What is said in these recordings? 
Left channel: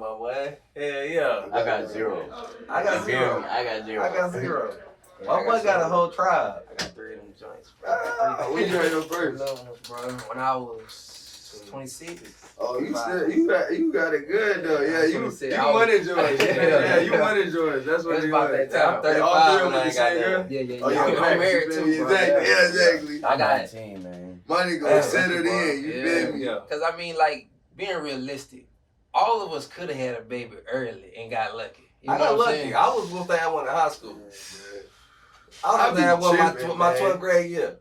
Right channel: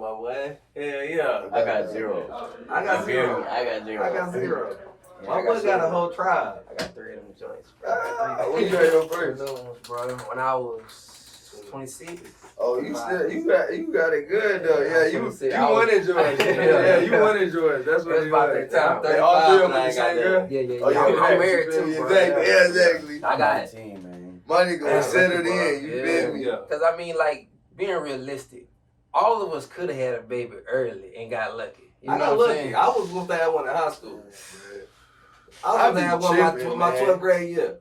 my boy. Hell yeah. I got 0. I got 0. I got 0. I got 0. Yeah, My boy got a whole tribe. I got 3 of them joints, bro. When you got your first? Bro, when I was 26. Oh, you still you got it good though. Yeah, you wanted wanted George. Yeah, you wanted George. That's what That's you about wanted. that time. I'm 35 All 3 of them and I the ain't same got girl? Yeah. Oh, yeah, I'm married too, bro. Exactly. Yeah, exactly. I got 19, man. My nigga was settled in. You feel me? Yeah. Because I mean, like, being realistic, all of us could have had a baby early and got lucky. You I know got what I'm lucky. saying? I was supposed to have one in high school. I was I supposed to have be one tripping, my man. 12th grade year.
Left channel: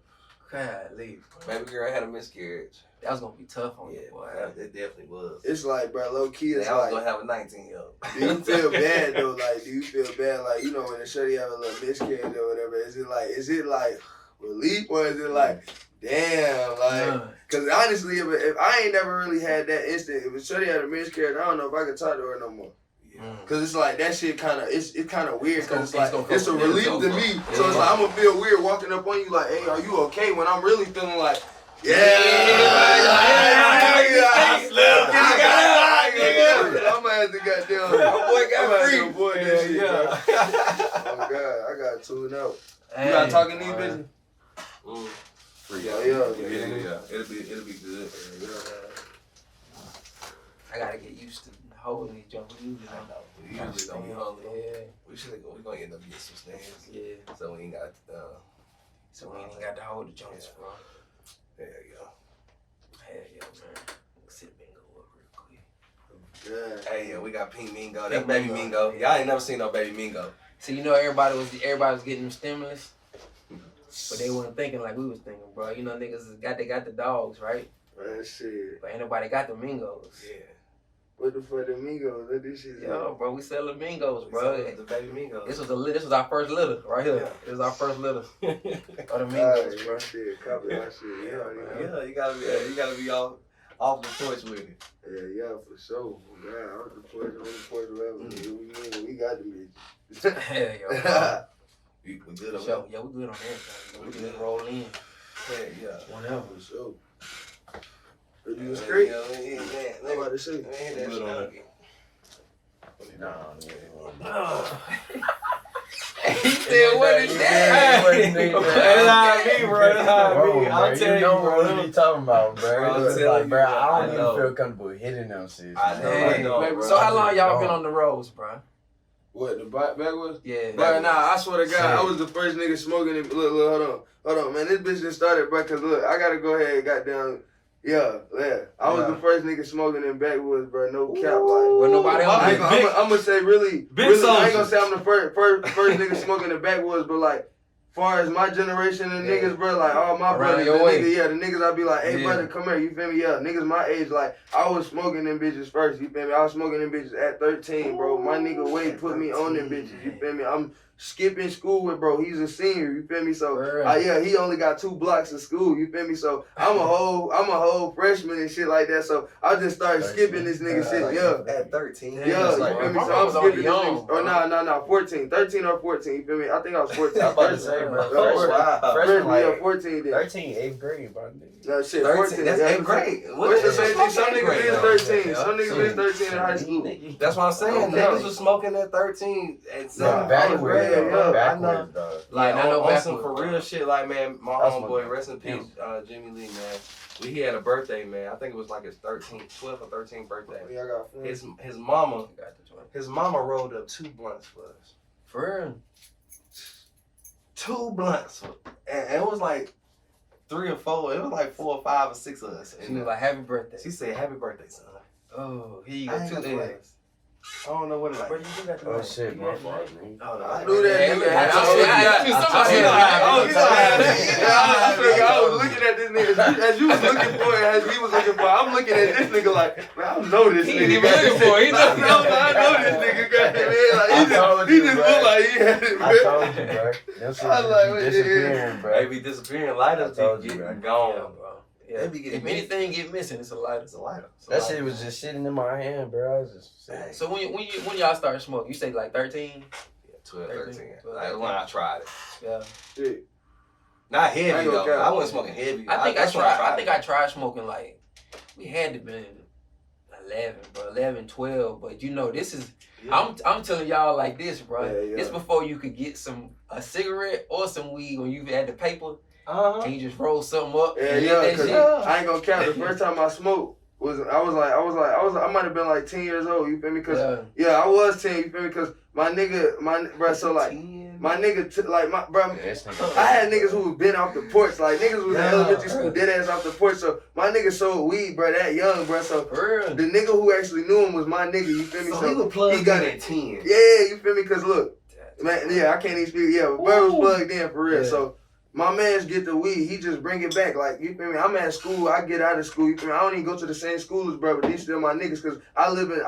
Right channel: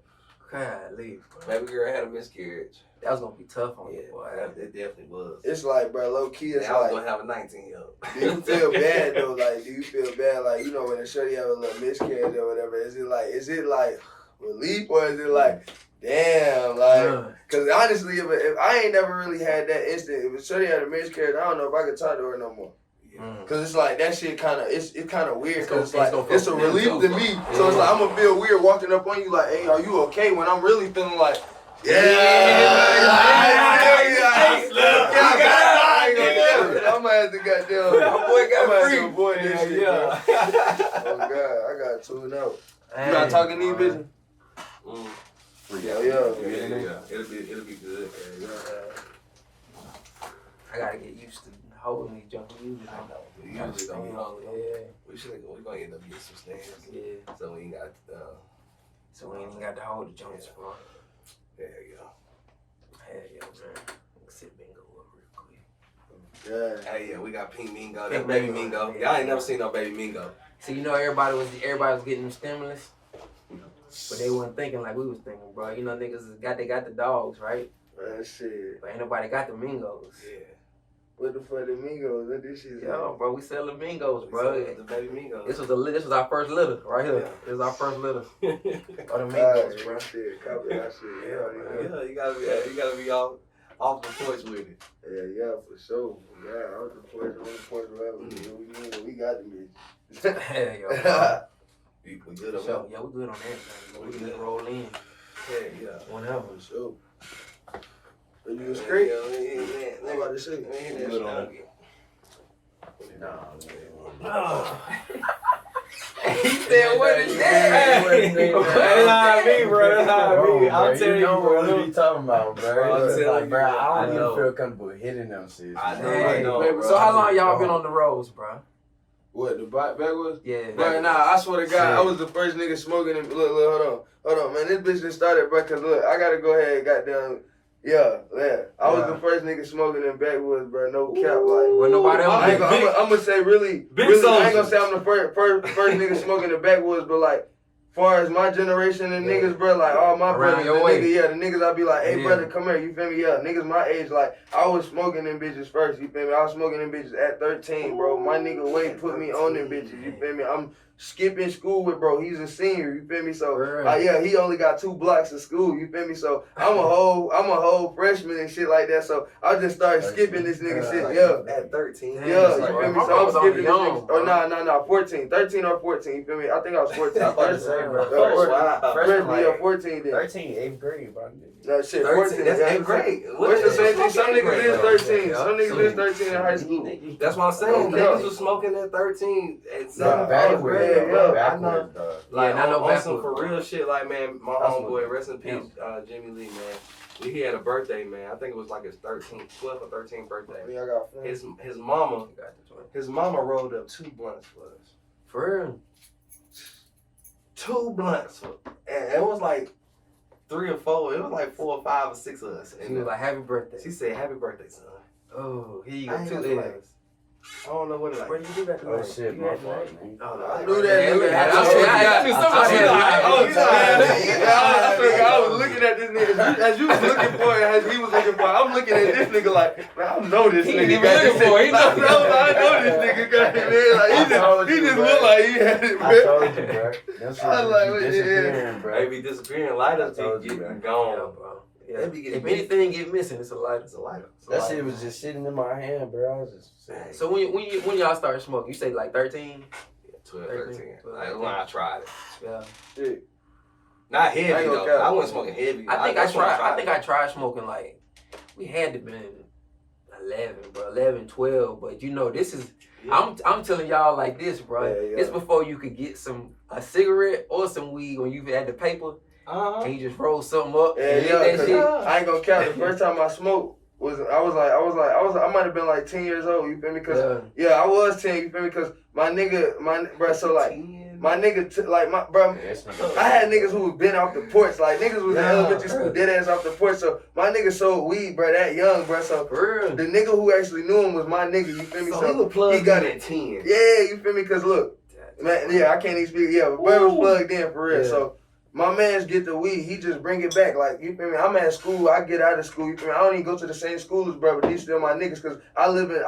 Golly, bro. Baby girl had a miscarriage. That was gonna be tough on you, boy. It definitely was. It's like, bro, low key, it's I was like, gonna have a 19-year-old. do you feel bad though? Like, do you feel bad? Like, you know, when a shorty have a little miscarriage or whatever, is it like relief or is it like, damn, like, because honestly, if I ain't never really had that instant, if a shorty had a miscarriage, I don't know if I could talk to her no more. Cause it's like that shit kind of it's kind of weird. Cause it's a relief to me. So it's like I'm gonna feel weird walking up on you like, hey, are you okay? When I'm really feeling like, I might have to goddamn. My boy got free. Avoid this shit, Yeah. bro. Oh God, I got tuned out. You not talking to these bitches? Yeah. It'll be good. I gotta get used to holding these junk. We usually don't be hungry. We're gonna end up getting some snails. Yeah. So we ain't got So we ain't even got to hold the joints, bro. there you go. Hell yeah, man. Sit bingo up real quick. Yeah. Hey, yeah, we got Pink Mingo. That's Pink Baby Mingo. Mingo. Y'all ain't never seen no Baby Mingo. So you know everybody was getting them stimulus, but they wasn't thinking like we was thinking, bro. You know niggas got the dogs, right? Man, shit. But ain't nobody got the mingos. Yeah. What the fuck, the Migos? What this shit? Yo, bro, we selling mingos, bro. The Baby Mingo. This was our first litter right here. Yeah. This is our first litter of the Alright, mingos, bro. shit, copy that shit. Yeah, You gotta be off the porch with it. yeah, for sure. Yeah, off the porch, on the porch level. We got the bitch. Hell yeah, bro. We good on So, that. yeah, we good on that. We can just roll in Yeah. whenever. For sure. Are you straight? Yeah. I'm about to say. Good on that. He said, what is that? That's how I be, bro. That's how I be. I'll tell you, what bro. you talking about, bro. Bro, It's I'm like, bro, telling you, I I don't know. even feel comfortable hitting them shit. I know, Hey, bro. so how long y'all been on the roads, bro? What, the backwards? Yeah. Bro, nah, I swear to God, I was the first nigga smoking. Look, hold on, man. This bitch just started, bro, because look, I got to go ahead and goddamn. Yeah. I was the first nigga smoking in backwoods, bro. No cap, like. Well, nobody else. I'm gonna say really, Big I ain't soldier. gonna say I'm the first nigga smoking the backwoods, but like, far as my generation and niggas, bro, like all my Around brothers, your way. the niggas, I be like, hey, Yeah. brother, come here, you feel me? Yeah, niggas my age, like, I was smoking them bitches first, you feel me? I was smoking them bitches at 13, bro. My nigga Wade put me on them bitches, you feel me? I'm skipping school with bro, he's a senior, you feel me? So, yeah, he only got 2 blocks of school, you feel me? So, I'm a whole freshman and shit like that, so I just started skipping this nigga shit, yeah. At 13. Yeah, you feel me? So I'm skipping this nigga. Oh, nah, 14. 13 or 14, you feel me? I think I was 14. I'm about to say, bro. Freshman, yeah, 14 then. 13, 8th grade, bro. No, shit, 13. 14. That's yeah, 8th grade. What's the same thing? Some niggas is 13. Yeah. Some niggas is 13 in high school. That's what I'm saying. Yeah. Niggas was smoking at 13 at Nah, 7th backwards, grade. though. yeah. I know. Backwards, dog. Like, Yeah, I know on some backwards, for bro. real shit, like, man, my That's homeboy, what- rest in peace, Jimmy Lee, man. He had a birthday, man. I think it was like his 12th or 13th birthday. Yeah, I got friends. His mama rolled up 2 blunts for us. For real? 2 blunts. And it was like 3 or 4. It was like 4 or 5 or 6 of us. She was like, happy birthday. She said, happy birthday, son. Oh, here you I go. ain't 2 got the L's. lights. I don't know what it like. Bro, you do got the Oh lights. shit, You my got the fault, lights. man. Oh, no, I knew that Yeah, nigga. look, had I something. swear, I was looking at this nigga as you was looking for it, as he was looking for it. I'm looking at this nigga like, man, I know this He nigga. ain't even looking for it. He I know this nigga got it, man. Like, he just looked like he had it, I man. told you, bro. Them shit I like be what you disappearing, bro. They be disappearing. Lighters I told be you, getting man. gone. Yeah, bro. Yeah. They be getting If anything get missing, it's a lighter. It's a lighter. It's a That lighter. shit was just sitting in my hand, bro. I was just saying. So when y'all started smoking, you say like 13? 12, 13. 13. Like when I tried it. Yeah. Shit. Not heavy I ain't gonna though. cap. I wasn't smoking heavy. I think I that's when tried. I it. think I tried smoking like we had to been 11, bro. 11, 12. But you know, this is I'm telling y'all like this, bro. Yeah, yeah. It's before you could get a cigarette or some weed when you had the paper and you just roll something up Yeah, and yeah, lit that cause shit. I ain't gonna count. The first time I smoked I might have been like 10 years old. You feel me? Cause yeah, I was 10. You feel me? Cause my bro. So like my nigga, like my bro. I had niggas who was been off the porch. Like niggas was in elementary school, dead ass off the porch. So my nigga sold weed, bro. That young, bro. So the nigga who actually knew him was my nigga. You feel me? So he got it 10. Yeah, you feel me? Cause look, man. Yeah, I can't even speak. Yeah, but bro was plugged in for real. Yeah. So. My mans get the weed, he just bring it back. Like, you feel me? I'm at school, I get out of school, you feel me? I don't even go to the same school as bro, but these still my niggas, cause I live in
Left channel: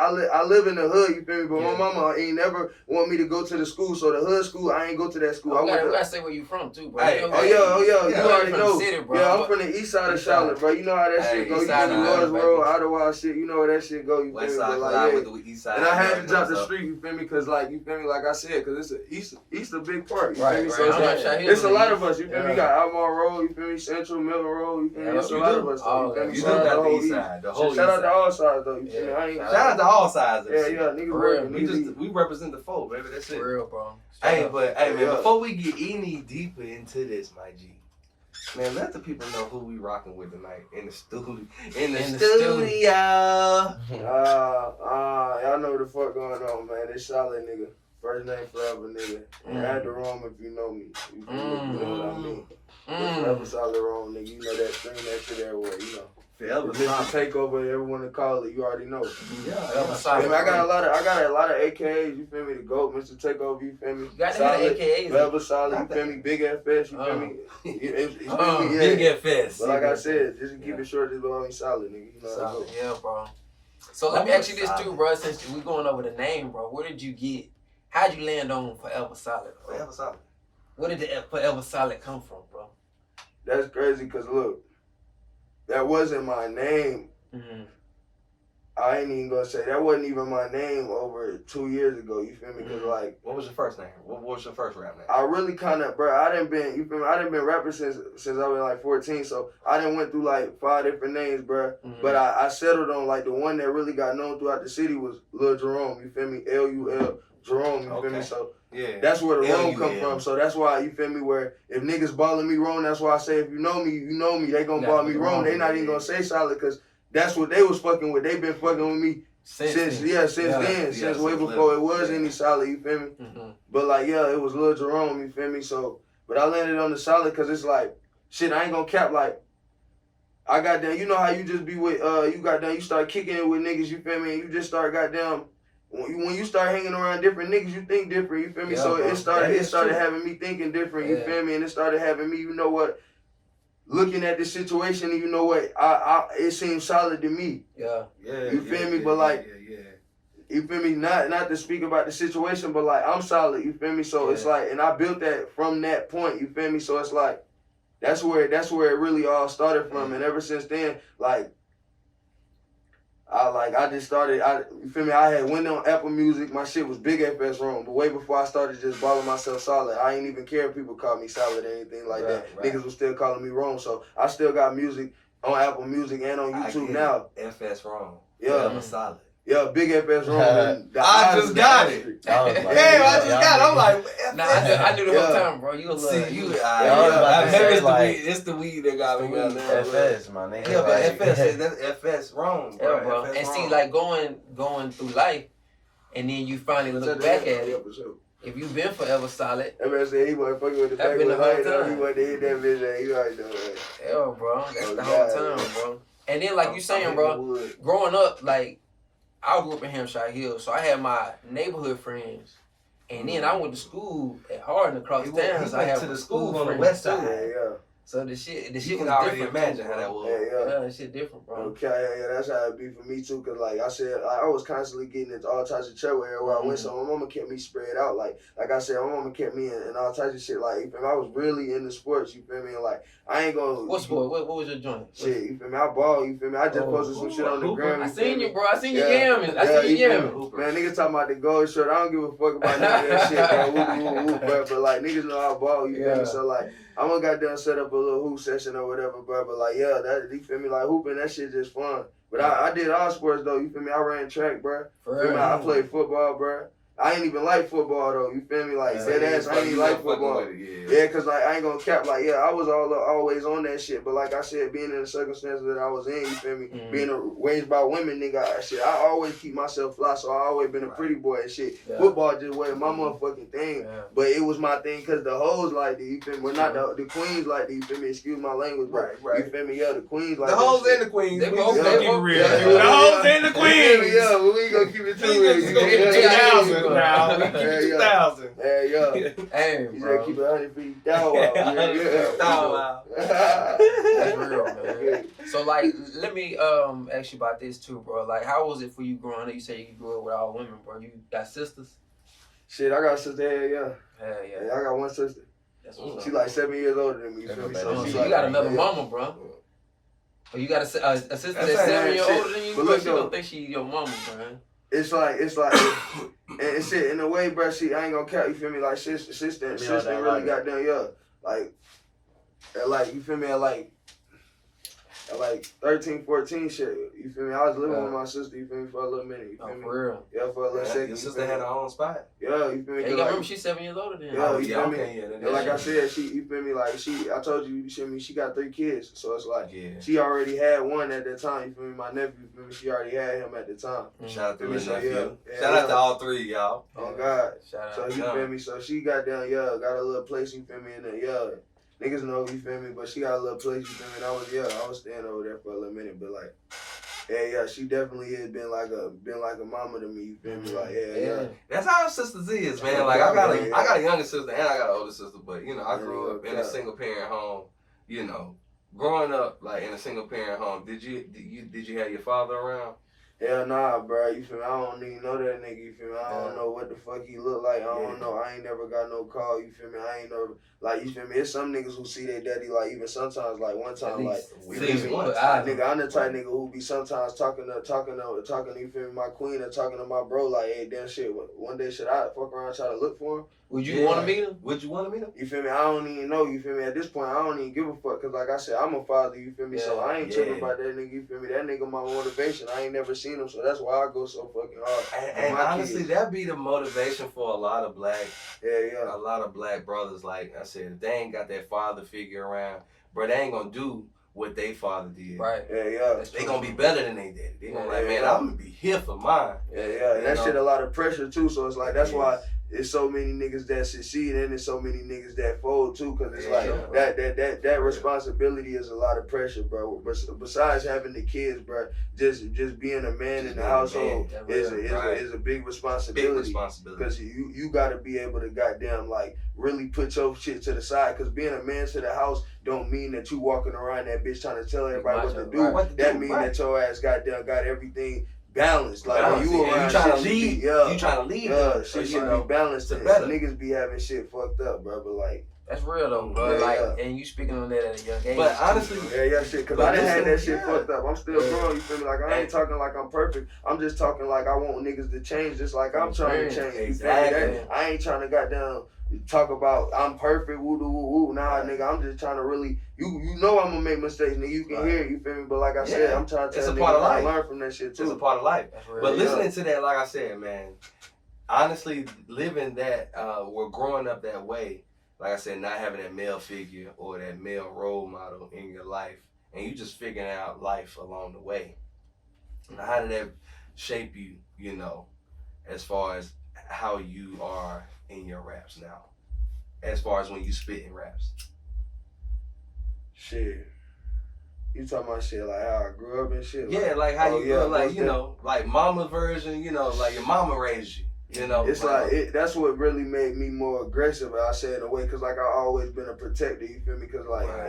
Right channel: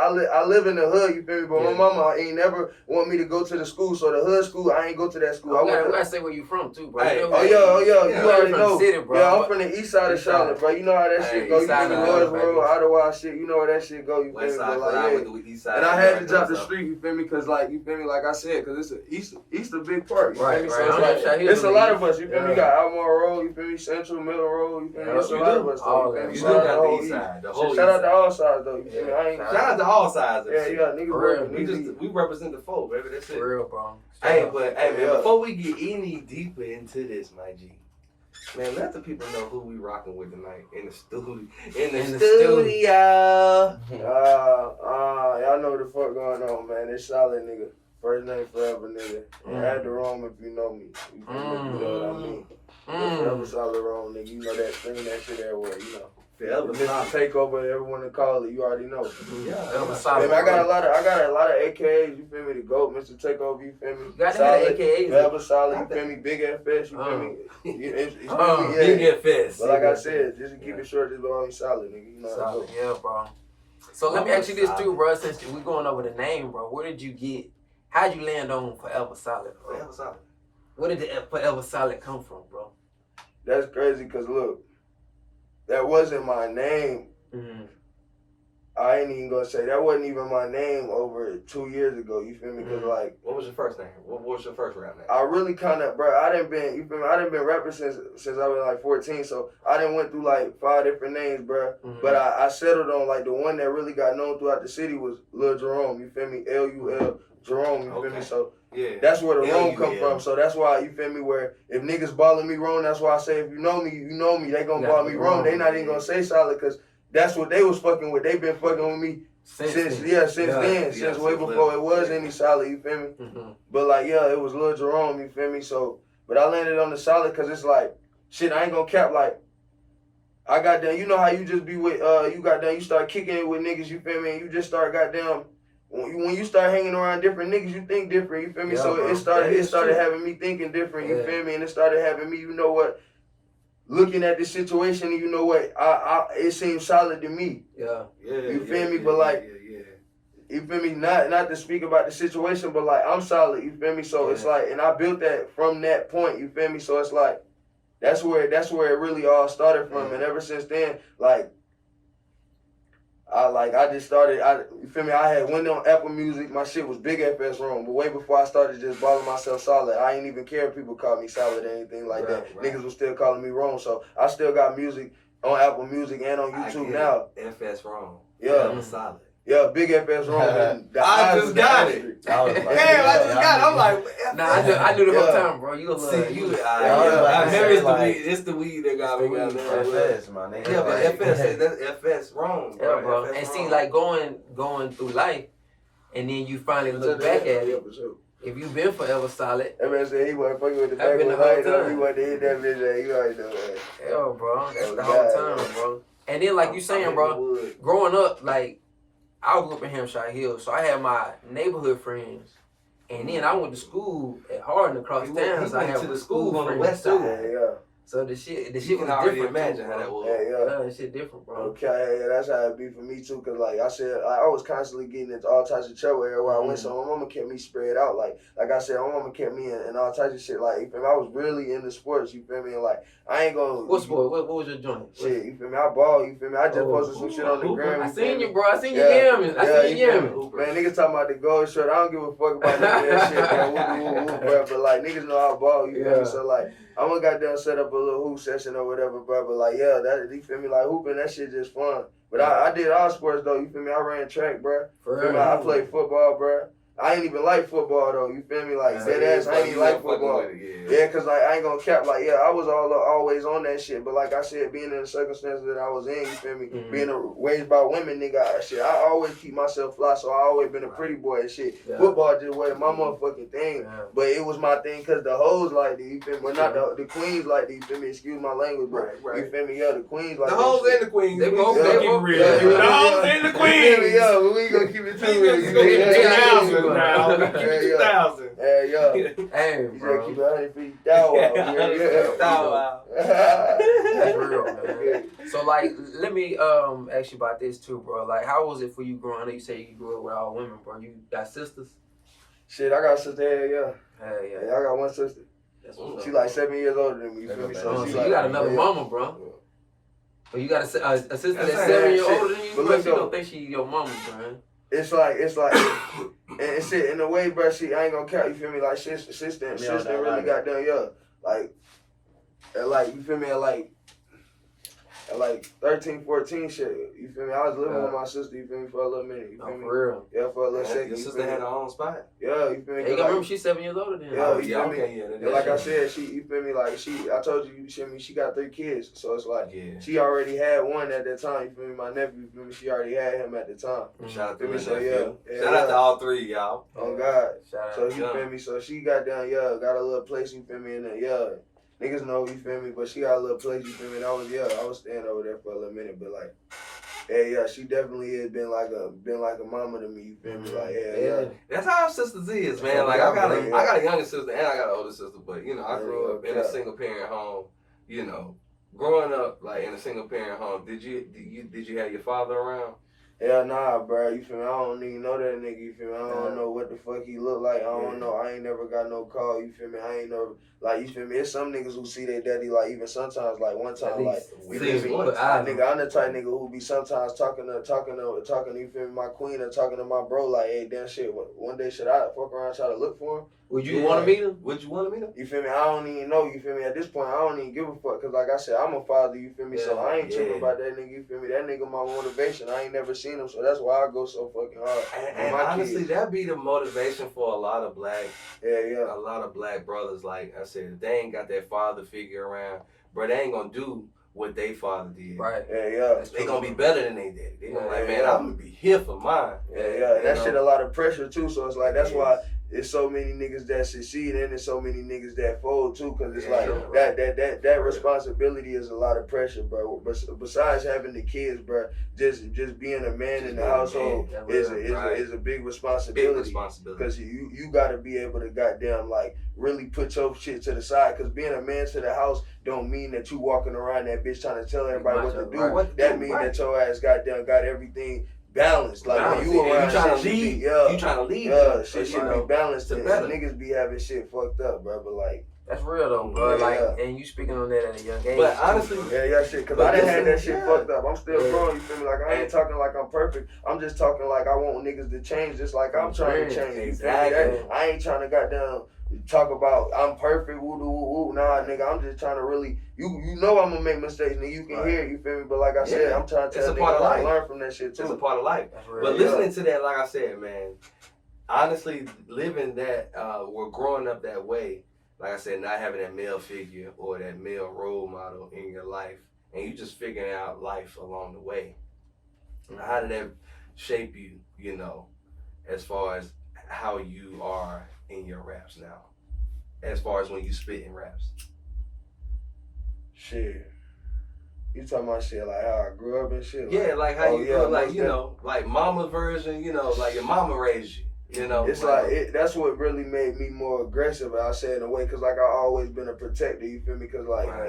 the hood, you feel me? But my mama ain't never want me to go to the school, so the hood school, I ain't go to that school. We gotta say where you from too, bro. Hey, you know, oh yeah, you already from know. the city, bro. Yeah, I'm from the east side of Charlotte, bro. You know how that shit go. You feel me? Lawrenceboro, Ottawa shit, you know where that shit go, you feel me? But like, yeah. And I had to drop the street, you feel me? Cause like, you feel me? Like I said, cause it's a big part, you feel me? So it's a lot of us, you feel me? You got Almar Road, you feel me? Central, Middle Road, you feel me? It's a lot of us, though, you feel me? You do got the east side, the whole Shout out to all sides, though, you feel me? Shout out to all sides. Yeah, niggas. We represent the folk, baby. That's it. For real, bro. Hey, man, before we get any deeper into this, my G, man, let the people know who we rocking with tonight in the studio. In the studio. Y'all know what the fuck going on, man. It's solid, nigga. First name forever, nigga. Add the Rome if you know me. You know what I mean. Forever solid Rome, nigga. You know that thing, that shit everywhere, you know. Forever Mr. Takeover, everyone to call it, you already know. Forever solid. I got a lot of AKAs, you feel me? The GOAT, Mr. Takeover, you feel me? You got to have AKAs. Forever solid, you feel me? Big FS, you feel me? Big FS. But like I said, just to keep it short, just belong me solid, nigga. You know how Solid, yeah, bro. So let me ask you this too, bro. Since we going over the name, bro, where did you get? How'd you land on Forever Solid? Bro? Forever Solid. Where did the Forever Solid come from, bro? That's crazy, cause look, that wasn't my name. I ain't even gonna say that wasn't even my name over 2 years ago. You feel me? Cause like, what was your first name? What was your first rap name? I really kind of, bro. I done been, you feel me? I done been rapping since I was like 14. So I done went through like 5 different names, bro. But I settled on like the one that really got known throughout the city was Lil Jerome. You feel me? LUL Jerome. You feel me? So yeah, that's where the Rome come from. So that's why, you feel me? Where if niggas balling me wrong, that's why I say if you know me, you know me. They gonna ball me wrong. They not even gonna say solid, cause that's what they was fucking with. They been fucking with me. Since way before it was any solid, you feel me? But like, yeah, it was Lil Jerome, you feel me? So, but I landed on the solid because it's like, shit, I ain't gonna cap, like, I got down, you know how you just be with, you start kicking it with niggas, you feel me? And you just start goddamn, when you start hanging around different niggas, you think different, you feel me? So it started having me thinking different, you feel me? And it started having me, you know what? Looking at the situation, and you know what, it seems solid to me. You feel me? But like, you feel me? Not to speak about the situation, but like, I'm solid. You feel me? So it's like, and I built that from that point. You feel me? So it's like, that's where it really all started from. And ever since then, like, I just started. You feel me? I had went on Apple Music. My shit was Big FS Rome. But way before I started just balling myself solid, I ain't even care if people called me solid or anything like that. Niggas was still calling me Rome. So I still got music on Apple Music and on YouTube now. FS Rome. Yeah. Solid. Yeah, Big FS Rome. I just got it. I'm like, nah, I knew the whole time, bro. You love it's the weed that got me. FS, my nigga. Yeah, but that's FS Rome, bro. Yeah, bro. And see, like going through life, and then you finally look back at it. If you been Forever Solid, everybody said he wasn't fucking with the back of the night. He wanted to hit that bitch. You already know that. Yeah, bro. That's the whole time, bro. And then, like you saying, bro, growing up, like, I grew up in Hampshire Hills, so I had my neighborhood friends. And then I went to school at Hardin across town. So I had to the school on the friends west side. Yeah. So the shit was already different. Imagine how that was. Yeah, that shit different, bro. Okay, yeah, that's how it be for me too. Cause like I said, I was constantly getting into all types of trouble everywhere I went. So my mama kept me spread out. Like I said, my mama kept me in all types of shit. Like, you feel me? I was really into sports. You feel me? And like, I ain't gonna. What sport? What was your joint? Shit, you feel me? I ball. You feel me? I just posted some shit on the gram. I seen you, bro. I seen you yamming. I seen you yamming. Man, niggas talking about the gold shirt. I don't give a fuck about none of that shit, bro. But like, niggas know I ball. You feel me? So like, I'm gonna goddamn set up a little hoop session or whatever, bro. But like, yeah, that you feel me? Like hooping, that shit just fun. But I did all sports though. You feel me? I ran track, bro. Feel me? I played football, bro. I ain't even like football though. You feel me? Like dead ass, I ain't even like football. Yeah, cause like I ain't gonna cap. Like I was always on that shit. But like I said, being in the circumstances that I was in, you feel me? Being raised by women, nigga, shit. I always keep myself fly, so I always been a pretty boy and shit. Yeah. Football just wasn't my motherfucking thing. Yeah. But it was my thing cause the hoes like it. You feel me? Well, not the queens like it. You feel me? Excuse my language, but you feel me? Yeah, the queens like the hoes and the queens. They both keep it real. The hoes and the queens. Yeah, we gonna keep it too real. We gonna keep it 2,000 now. 2,000. Yeah. Hey, bro. Keep it 100 feet. Wow. That's real, man. So, like, let me ask you about this too, bro. Like, how was it for you growing up? You say you grew up with all women, bro. You got sisters? Shit, I got a sister. Yeah, I got one sister. She like 7 years older than me. You feel me? So you got another mama, bro. But you got a sister that's 7 years older than you, but look, you don't think she your mama, bro. It's like, and shit, in a way, bro, I ain't gonna count, you feel me, like, sister really got done, like, you feel me, at like 13, 14 shit, you feel me? I was living with my sister, you feel me, for a little minute, you feel me? For real? Yeah, for a little second. Your sister had her own spot. Yeah, you feel me? Hey, you remember she's 7 years older than you. Yeah, you feel me? And like I said, you feel me, like, I told you, you feel me, she got 3 kids, so it's like, she already had one at that time, you feel me? My nephew, you feel me, she already had him at the time. Shout out to me, shout out to all 3, y'all. Oh, God. So, you feel me? So, she got down, got a little place, you feel me, and then, niggas know, you feel me, but she got a little place, you feel me, and I was staying over there for a little minute, but like, she definitely has been like a mama to me, you feel me, like, That's how our sisters is, man, like, I got a younger sister and I got an older sister, but, you know, I grew up in a single parent home, you know, growing up, like, in a single parent home, did you have your father around? Hell nah, bro. You feel me? I don't even know that nigga. You feel me? I don't know what the fuck he look like. I don't know. I ain't never got no call. You feel me? I ain't never like. You feel me? It's some niggas who see their daddy like even sometimes like one time like. You feel me? Nigga, I'm the type nigga who be sometimes talking to you feel me? My queen or talking to my bro like, hey, damn shit. One day should I fuck around try to look for him? Would you want to meet him? Would you want to meet him? You feel me? I don't even know. You feel me? At this point, I don't even give a fuck. Cause like I said, I'm a father. You feel me? So I ain't tripping about that nigga. You feel me? That nigga my motivation. I ain't never seen him, so that's why I go so fucking hard. And honestly, that be the motivation for a lot of black, a lot of black brothers. Like I said, if they ain't got that father figure around, bro, they ain't gonna do what they father did. Right. They gonna be better than they daddy. They gonna like, man, I'm gonna be here for mine. And that shit a lot of pressure too. So it's like that's why. There's so many niggas that succeed and there's so many niggas that fold too, cause it's like that responsibility is a lot of pressure, bro. But besides having the kids, bro, just being a man in the household is a big responsibility. Cause you gotta be able to goddamn like really put your shit to the side. Cause being a man to the house don't mean that you walking around that bitch trying to tell everybody what to do. That mean that your ass goddamn got everything balanced, like when you around, you trying to lead. You trying to lead. Shit should be balanced. Niggas be having shit fucked up, bro. But like, that's real though, bro. And you speaking on that at a young age. But honestly, shit. Cause I didn't have that shit fucked up. I'm still growing. You feel me? Like I ain't talking like I'm perfect. I'm just talking like I want niggas to change, just like I'm trying to change. Exactly. I ain't trying to goddamn talk about I'm perfect. Woo doo woo woo. Nah, nigga. I'm just trying to really. You know I'm gonna make mistakes, nigga. You can hear it, you feel me? But like I said, I'm trying to tell niggas to learn from that shit too. It's a part of life. But listening to that, like I said, man, honestly, living that, we're growing up that way, like I said, not having that male figure or that male role model in your life, and you just figuring out life along the way. How did that shape you, you know, as far as how you are in your raps now? As far as when you spit in raps? Shit. You talking about shit like how I grew up and shit? Yeah, like how you grew up, like, you know, like mama version, you know, like your mama raised you. You know, it's like that's what really made me more aggressive. I say in a way, cause like I always been a protector. You feel me? Cause like I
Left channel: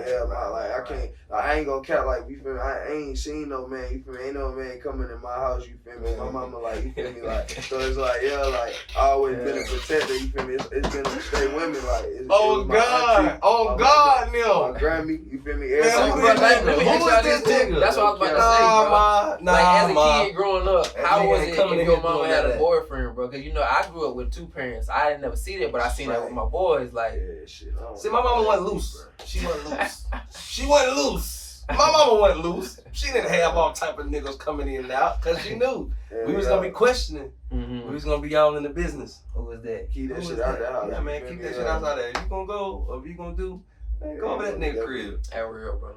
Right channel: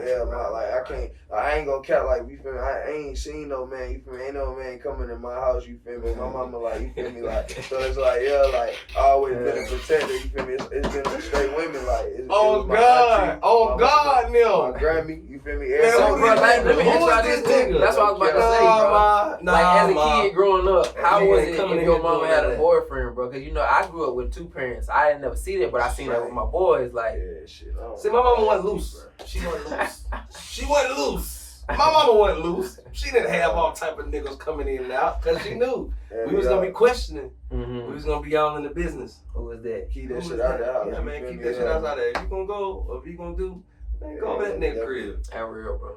ain't gonna count like you feel me. I ain't seen no man. You feel me? Ain't no man coming in my house. You feel me? My mama like you feel me? Like so it's like like I always been a protector. You feel me? It's been straight women like. Oh God! Oh God! No. My Grammy. You feel me? Let me try this too. That's what I was about to say, bro. Like as a kid growing up, how was it if your mama had a boyfriend, bro? Because you know I grew up with two parents. I didn't never see that, but I seen that with my boys. Like, Yeah, shit. See, my mama wasn't loose. She wasn't loose. She wasn't loose. My mama wasn't loose. She didn't have all type of niggas coming in and out because she knew we was gonna be questioning. mm-hmm. We was gonna be all in the business. Who was that? Keep that shit out the house. Yeah, man, keep that shit outside there. If you gonna go or if you gonna do, man, go over that nigga crib. That real, bro.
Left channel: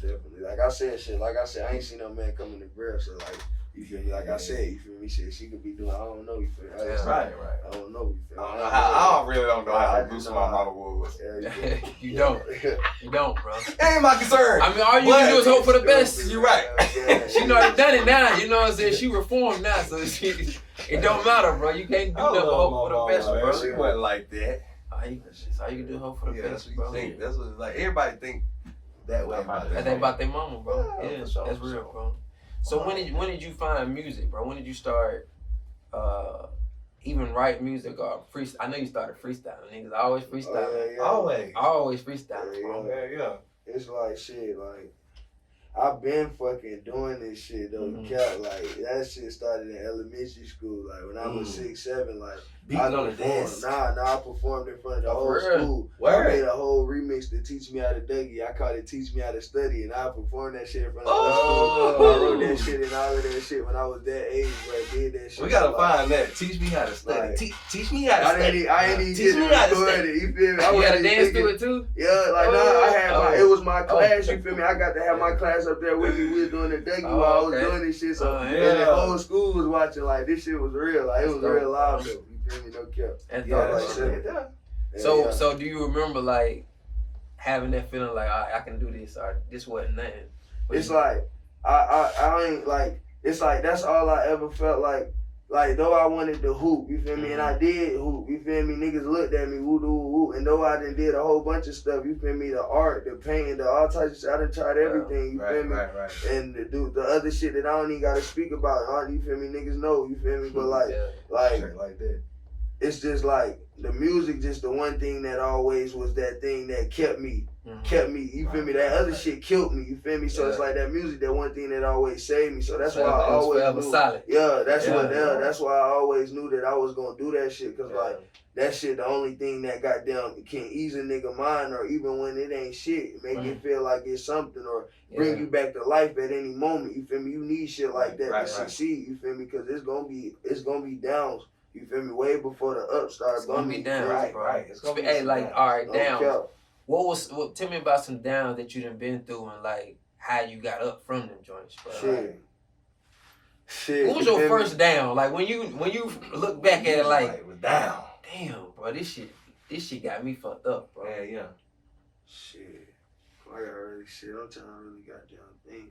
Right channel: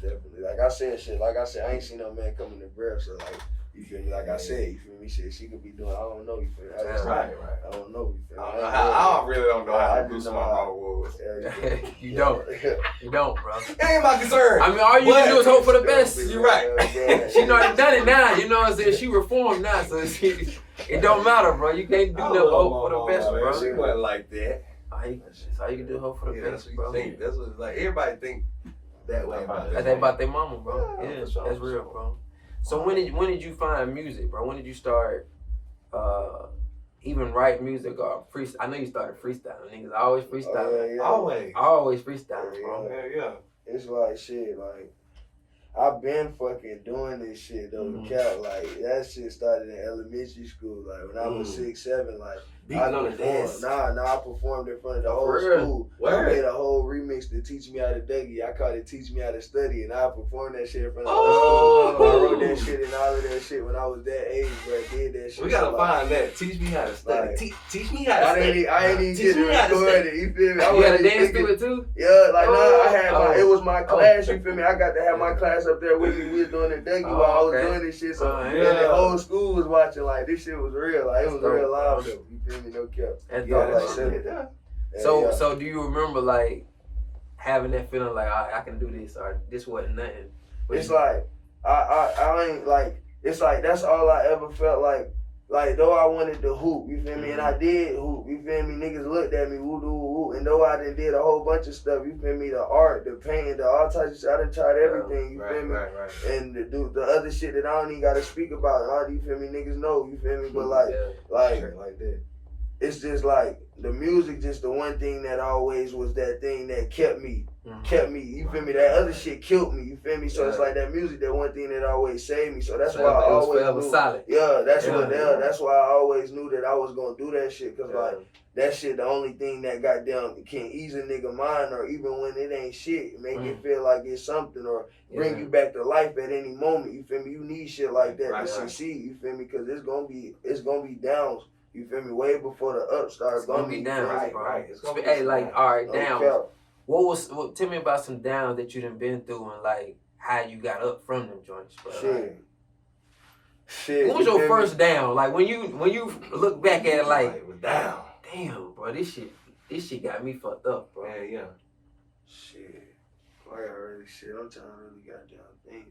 Definitely. Like I said, I ain't seen no man come in the grab, so like, you feel me? Like I said, you feel me? Shit, she could be doing, I don't know, you feel me? That's right. I don't know, you feel me? I really don't know how loose my mama was. You don't. You don't, bro. It ain't my concern. I mean, all you can do is hope for the best. You're right. She already done it now. You know what I'm saying? She reformed now, so it don't matter, bro. You can't do nothing but hope for the best, bro. She wasn't like that. That's all you can do, hope for the best, bro. That's what like everybody think that way about their mama, bro. Yeah, that's real, bro. So when did you find music, bro? When did you start even write music or freestyle? I know you started freestyling, niggas. I always freestyle. Always freestyle, bro. Yeah. It's like shit, like I've been fucking doing this shit though. Cat, like that shit started in elementary school. Like when I was 6, 7, like beating on the dance. I performed in front of the whole school. Word. I made a whole remix to teach me how to Dougie. I called it Teach Me How to Study, and I performed that shit in front of the whole school. I wrote that shit and all of that shit when I was that age, bro. I did that shit. We gotta find that. Teach me how to study. Like, teach me how to study. I ain't even get to record it. You feel me? You gotta dance to it too? Yeah, like I had it was my class. You feel me? I got to have my class up there with me. We was doing the Dougie while I was doing this shit. So and the whole school was watching. Like this shit was real. Like it was real live though. You feel me? No cap. So do you remember like having that feeling like I can do this or this wasn't nothing? It's like I ain't like it's like that's all I ever felt like. Like, though I wanted to hoop, you feel me? And I did hoop, you feel me? Niggas looked at me, woo-doo-woo. And though I did a whole bunch of stuff, you feel me? The art, the painting, the all types of shit. I done tried everything, you feel me? Right. And the other shit that I don't even got to speak about, you feel me? Niggas know, you feel me? But like that. It's just like, the music just the one thing that always was that thing that kept me, you feel me? That other shit killed me, you feel me? So it's like that music, that one thing that always saved me. So that's why I always knew. Solid. Yeah, that's why I always knew that I was gonna do that shit. Cause like, that shit the only thing that goddamn can ease a nigga mind, or even when it ain't shit, make it feel like it's something, or bring you back to life at any moment, you feel me? You need shit like that to succeed, you feel me? Cause it's gonna be downs. You feel me? Way before the up started bumming. It's gonna be down, right. It's gonna be all right, down. Tell me about some downs that you done been through and like how you got up from them joints, bro. Shit. What was your first down? Like when you look back at it, like down. Damn, bro, this shit got me fucked up, bro. Yeah. Shit. I got really shit. I'm trying to really goddamn think.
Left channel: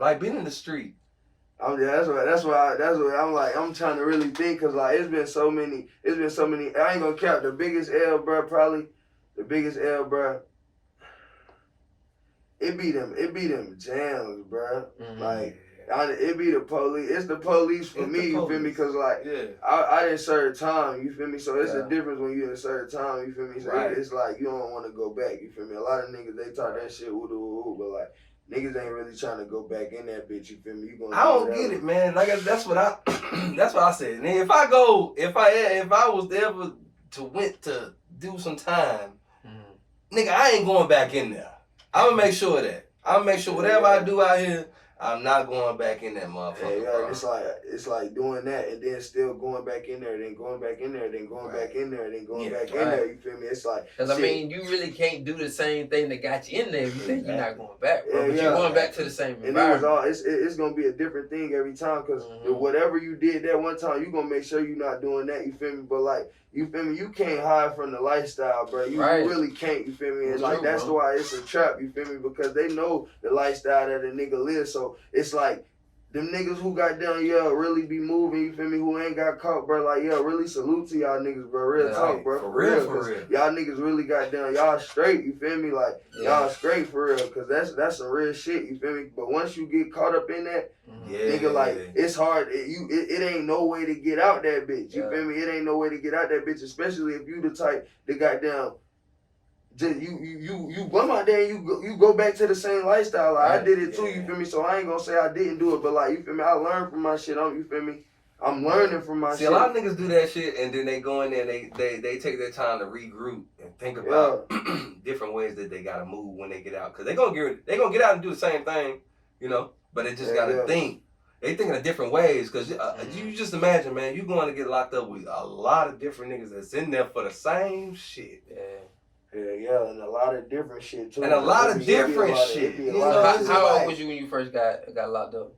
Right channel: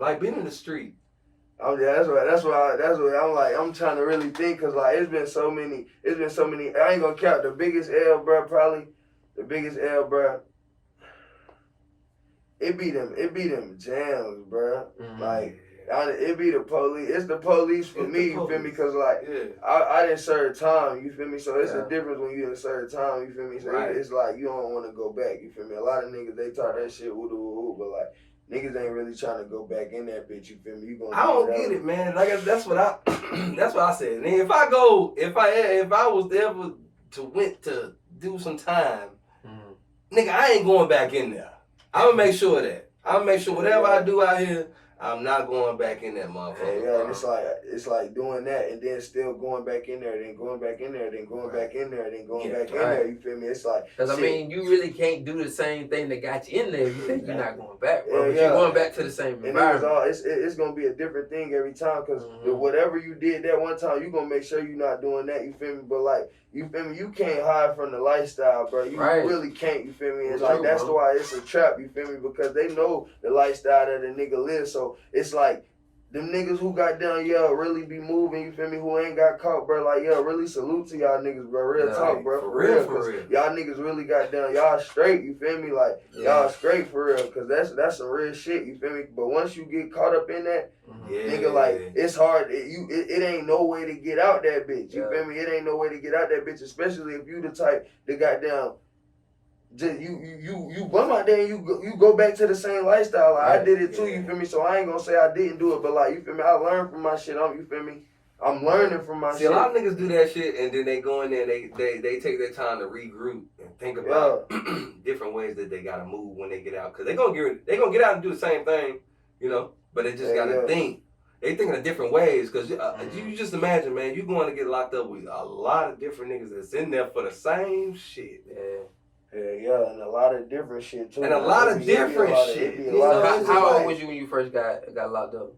Like being in the street. That's why I'm like, I'm trying to really think, cause like it's been so many, I ain't gonna count the biggest L, bro, it be them jams, bro. Like, it be the police, it's the police for me, you feel me, cause like, I didn't serve time, you feel me, so it's a difference when you didn't serve time, you feel me, so it's like, you don't want to go back, you feel me, a lot of niggas, they talk that shit, woo, but like, niggas ain't really trying to go back in that bitch. You feel me? I don't get it, man. Like that's what I said. And if I was ever to went to do some time, nigga, I ain't going back in there. I'ma make sure of that. I'll make sure whatever I do out here, I'm not going back in that motherfucker. Yeah, it's like doing that and then still going back in there, then going back in there, then going back in there, then going back in there. You feel me? It's like, because I mean, you really can't do the same thing that got you in there if you think you're not going back, bro. But you're going back to the same environment. And it's gonna be a different thing every time, because whatever you did that one time, you gonna make sure you're not doing that. You feel me? But like, you feel me? You can't hide from the lifestyle, bro. You really can't. You feel me? And like, that's why it's a trap. You feel me? Because they know the lifestyle that a nigga lives. So it's like, them niggas who got down, really be moving, you feel me, who ain't got caught, bro, like, really salute to y'all niggas, bro, real talk, bro, for real, cause y'all niggas really got down, y'all straight, you feel me, like, y'all straight for real, cause that's some real shit, you feel me, but once you get caught up in that, nigga, like, it's hard, it ain't no way to get out that bitch, you feel me, it ain't no way to get out that bitch, especially if you the type that got down, just you come out there and you go back to the same lifestyle. Like, I did it too, you feel me? So I ain't gonna say I didn't do it, but like, you feel me? I learned from my shit. You feel me? I'm learning from my shit. See, a lot of niggas do that shit, and then they go in there and they take their time to regroup and think about different ways that they gotta move when they get out. Cause they gonna get out and do the same thing, you know. But they just gotta think. They thinking of different ways. Cause you just imagine, man, you going to get locked up with a lot of different niggas that's in there for the same shit. Yeah, and a lot of different shit too. And a lot of different shit. How old was you when you first got locked up?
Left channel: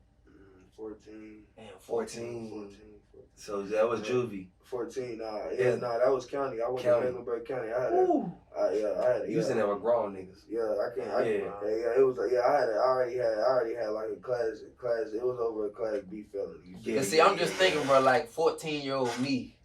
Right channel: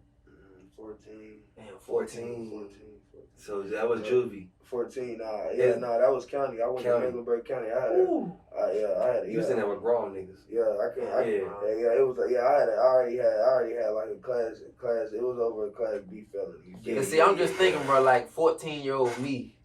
14. Damn, 14. So that was juvie. 14, that was county. I went to Mecklenburg County. I had You was in there with grown niggas. Yeah, it was I already had like a class, it was over a class B felony. Yeah, see, I'm just thinking, bro, like 14-year-old me.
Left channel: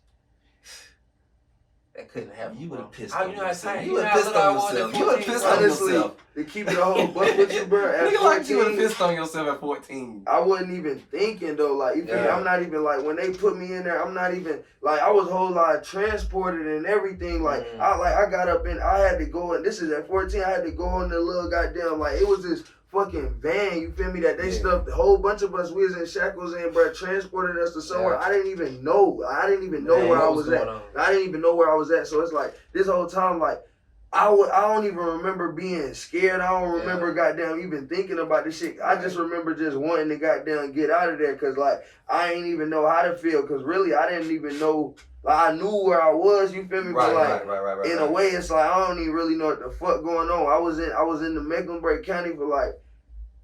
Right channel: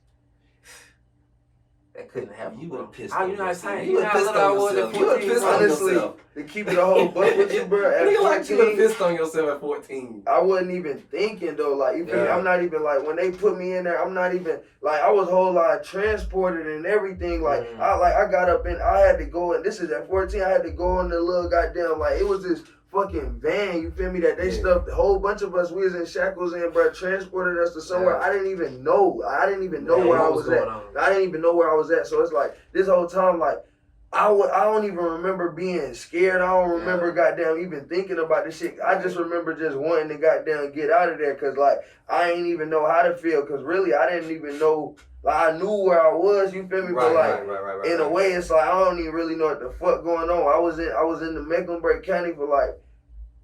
That couldn't happen. You would have pissed on yourself. You would have pissed on yourself. You would have pissed on yourself. To keep it a whole buck with you, bro. At 14, like you would have pissed on yourself at 14. I wasn't even thinking though. Like, you feel me? I'm not even like when they put me in there. I'm not even like I was a whole lot transported and everything. Like I got up and I had to go and this is at 14. I had to go in the little goddamn like it was this fucking van, you feel me, that they stuffed a whole bunch of us, we was in shackles and bro, transported us to somewhere I didn't even know. I didn't even know where I was at. I didn't even know where I was at. So it's like this whole time, like I don't even remember being scared. I don't remember goddamn even thinking about this shit. I just remember just wanting to goddamn get out of there because like I ain't even know how to feel because really I didn't even know. Like, I knew where I was, you feel me? But like, in a way, it's like I don't even really know what the fuck going on. I was in the Mecklenburg County for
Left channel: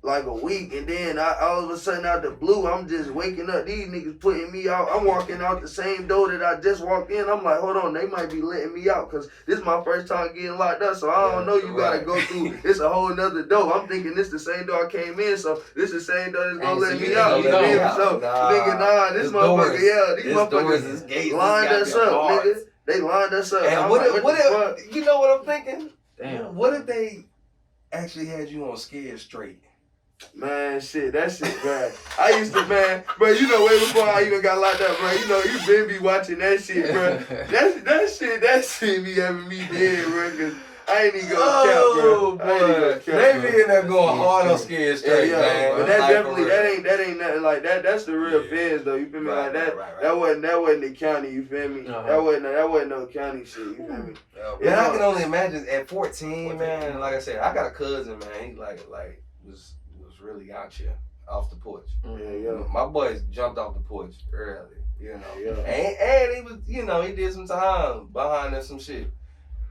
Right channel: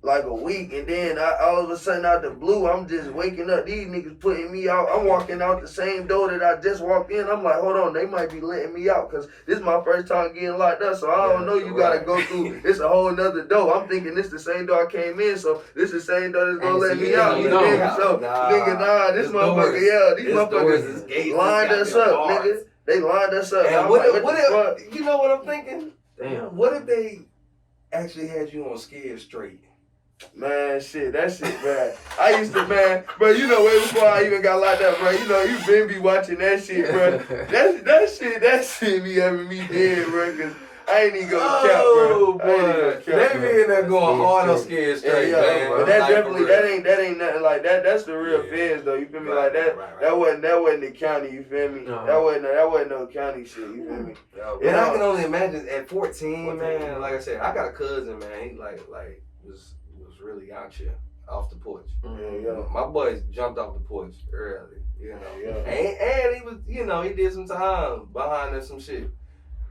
like a week, and then all of a sudden out the blue, I'm just waking up. These niggas putting me out. I'm walking out the same door that I just walked in. I'm like, hold on, they might be letting me out because this is my first time getting locked up. So I don't know. You gotta go through. It's a whole nother door. I'm thinking this the same door I came in. So this the same door that's gonna let me out. This motherfucker, these motherfuckers lined us up, nigga. They lined us up. And what if, you know what I'm thinking? Damn. What if they actually had you on scared straight? Man, shit, that shit, man. I used to, man, bro, you know, way before I even got locked up, bro, you know, you been be watching that shit, bro. That shit be having me dead, bro, because I ain't even gonna count, bro. They be in there going hard on scared straight, man. But that definitely, that ain't nothing like that. That's the real feds, though, you feel me? Like, that wasn't the county, you feel me? That wasn't no county shit, you feel me? And I can only imagine at 14, man, like I said, I got a cousin, man, he was really out here off the porch. My boys jumped off the porch early, you know. And he was, you know, he did some time behind us some shit.